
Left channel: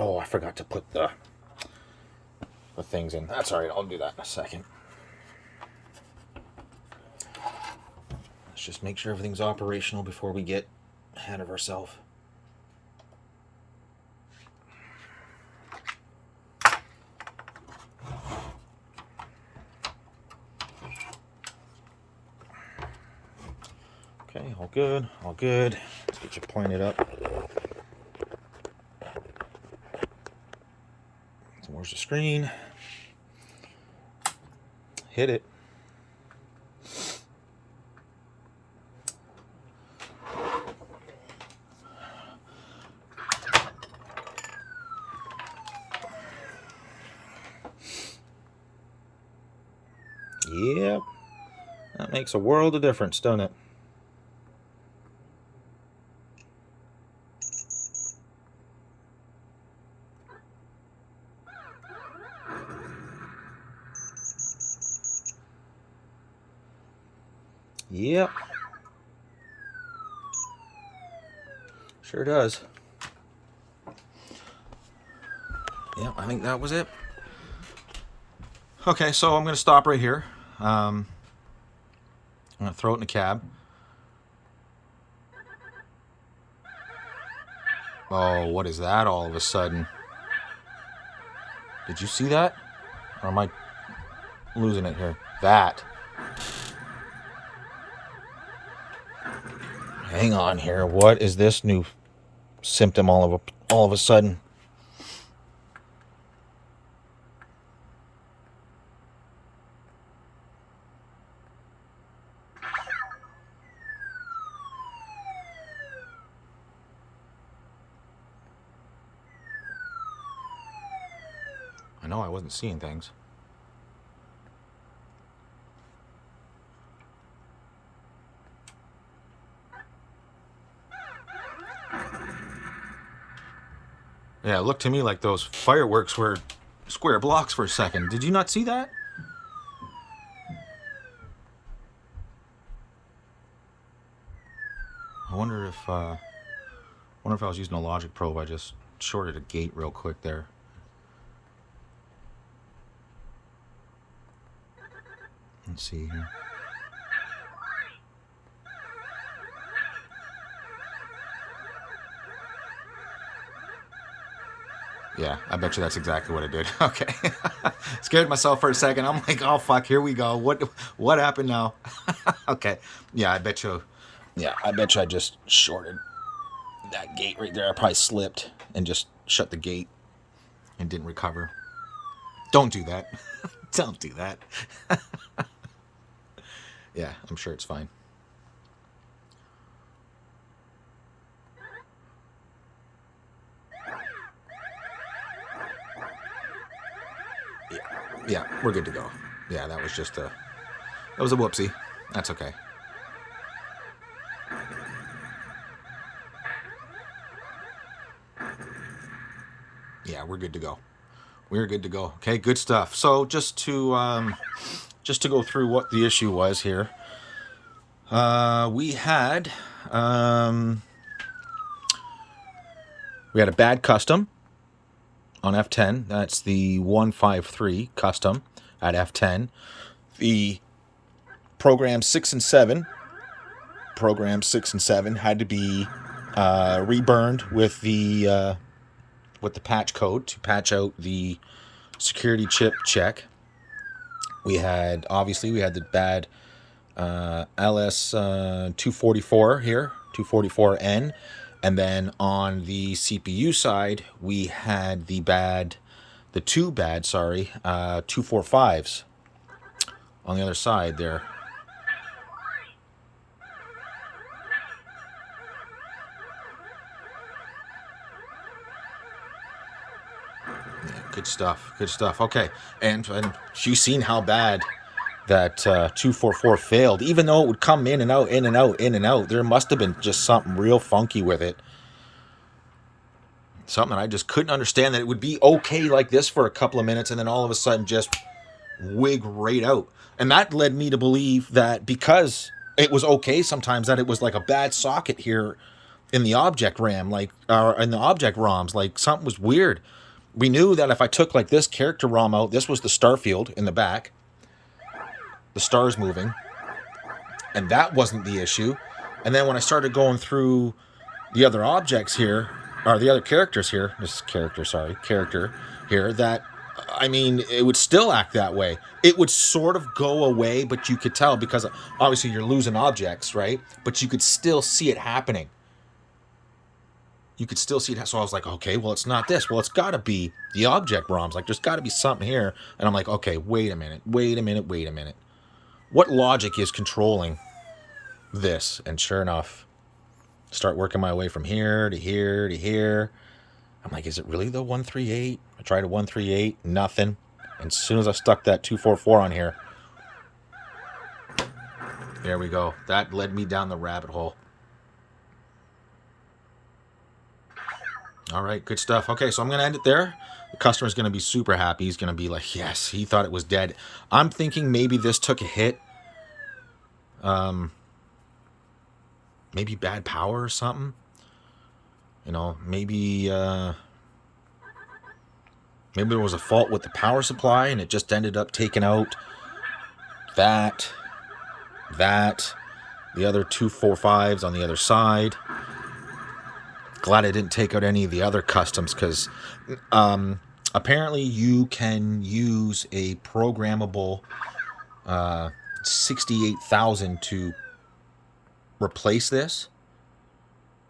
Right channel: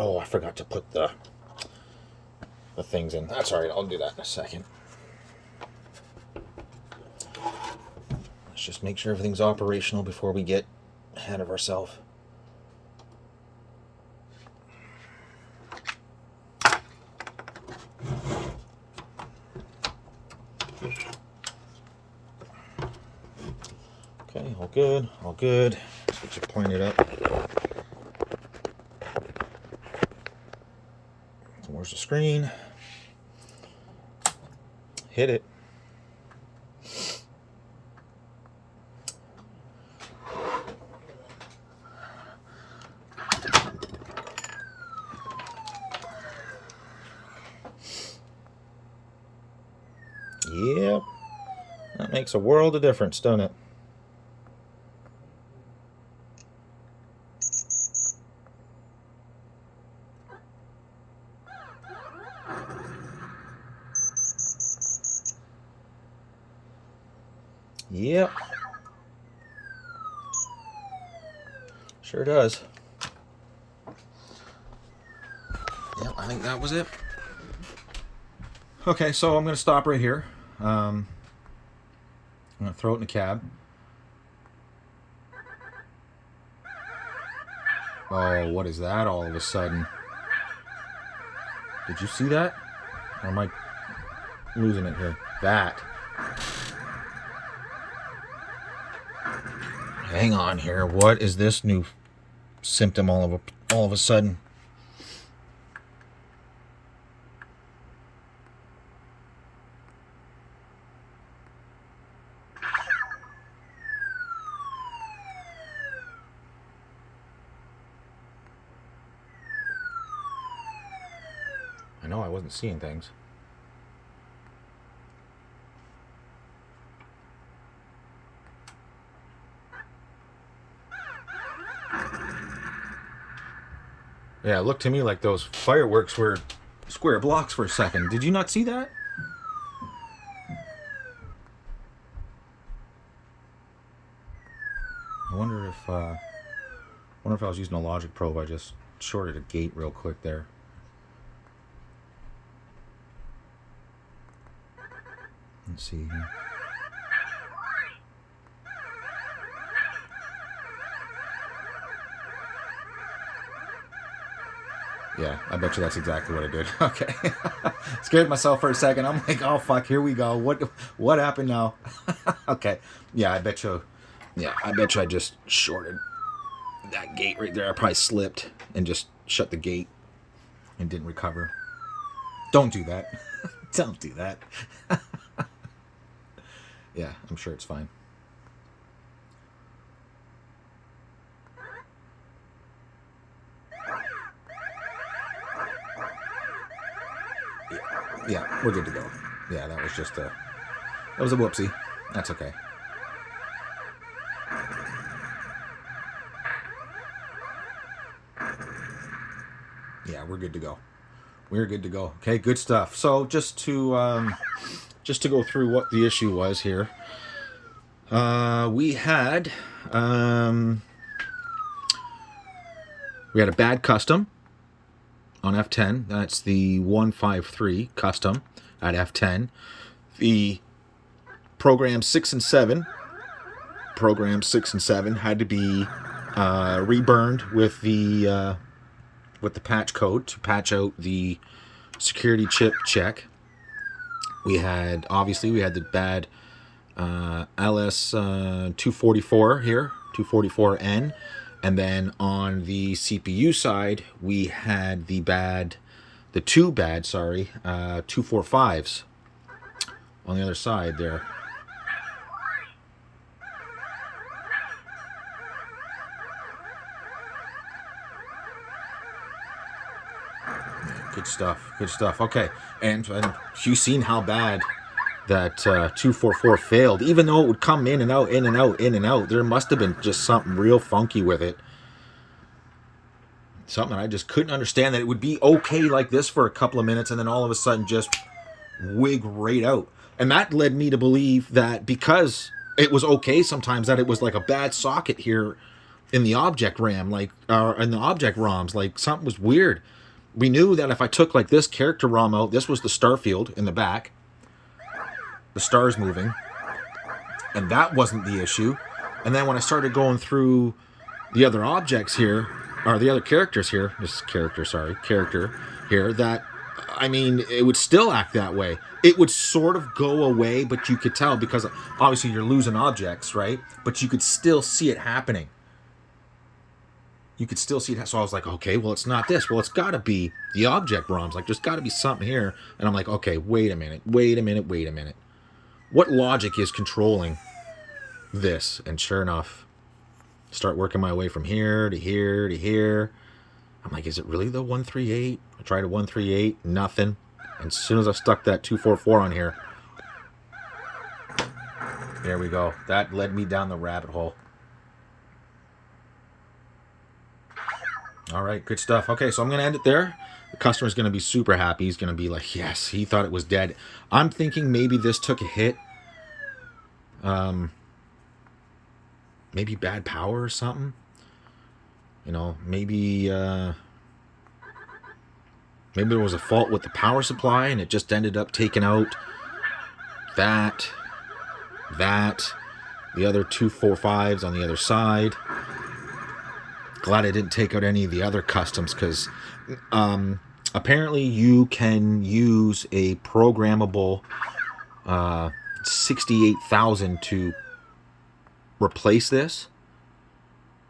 Oh, I forgot to put the things in. That's all right. I'll do that in a second. Let's just make sure everything's operational before we get ahead of ourselves. Okay, all good, all good. Let's get you pointed up. So where's the screen? Hit it. Yep. That makes a world of difference, doesn't it? Yep. Sure does. Yep, I think that was it. Okay, so I'm going to stop right here. I'm going to throw it in the cab. Oh, what is that all of a sudden? Did you see that? Or am I losing it here? That. Hang on here. What is this new symptom all of a sudden? I know I wasn't seeing things. Yeah, it looked to me like those fireworks were square blocks for a second. Did you not see that? I wonder if I was using a logic probe. I just shorted a gate real quick there. Let's see here. Yeah, I bet you that's exactly what I did. Okay. Scared myself for a second. I'm like, oh fuck, here we go. What happened now? Okay. Yeah, I bet you I just shorted that gate right there. I probably slipped and just shut the gate and didn't recover. Don't do that. Don't do that. Yeah, I'm sure it's fine. Yeah, we're good to go. Yeah, that was a whoopsie. That's okay. Yeah, we're good to go. We're good to go. Okay, good stuff. So just to go through what the issue was here, we had a bad custom on F10. That's the 153 custom at F10. The program 6 and 7 had to be reburned with the patch code to patch out the security chip check. We had the bad LS 244 here, 244N. And then on the CPU side, we had the 245s on the other side there. Good stuff. Good stuff. Okay. And you've seen how bad that 244 failed. Even though it would come in and out, in and out, in and out, there must have been just something real funky with it. Something I just couldn't understand, that it would be okay like this for a couple of minutes and then all of a sudden just wig right out. And that led me to believe that because it was okay sometimes, that it was like a bad socket here in the object RAM, like in the object ROMs, like something was weird. We knew that if I took like this character ROM out, this was the star field in the back, the stars moving, and that wasn't the issue. And then when I started going through the other objects here, or the other characters here, character here, that, I mean, it would still act that way. It would sort of go away, but you could tell, because obviously you're losing objects, right? But you could still see it happening. You could still see it. So I was like, okay, well, it's not this. Well, it's got to be the object ROMs. Like, there's got to be something here. And I'm like, okay, wait a minute. What logic is controlling this? And sure enough, start working my way from here to here to here. I'm like, is it really the 138? I tried a 138, nothing. And as soon as I stuck that 244 on here, there we go. That led me down the rabbit hole. All right, good stuff. Okay, so I'm going to end it there. The customer's going to be super happy. He's going to be like, yes, he thought it was dead. I'm thinking maybe this took a hit. maybe bad power or something. You know, maybe maybe there was a fault with the power supply and it just ended up taking out that, the other 245s on the other side. Glad I didn't take out any of the other customs, because apparently you can use a programmable 68,000 to replace this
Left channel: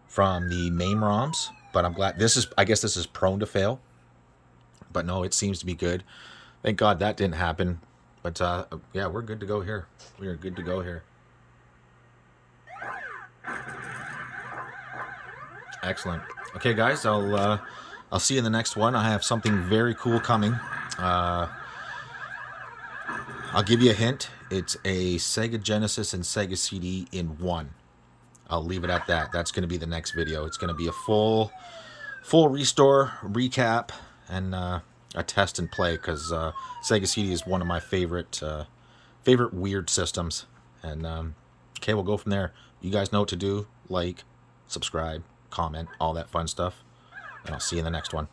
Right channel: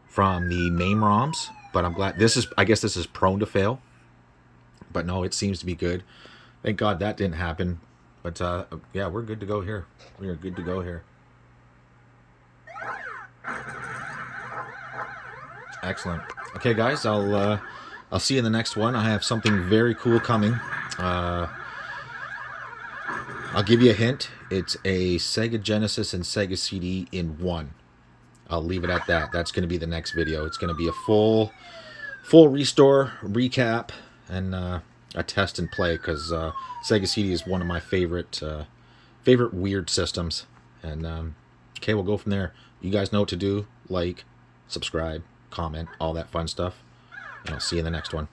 from the MAME ROMs. But I'm glad this is, I guess this is prone to fail. But no, it seems to be good. Thank God that didn't happen. But yeah, we're good to go here. We are good to go here. Excellent. Okay, guys, I'll see you in the next one. I have something very cool coming. I'll give you a hint. It's a Sega Genesis and Sega CD in one. I'll leave it at that. That's going to be the next video. It's going to be a full restore, recap, and a test and play, because Sega CD is one of my favorite weird systems. And okay, we'll go from there. You guys know what to do. Like, subscribe, comment, all that fun stuff. And I'll see you in the next one.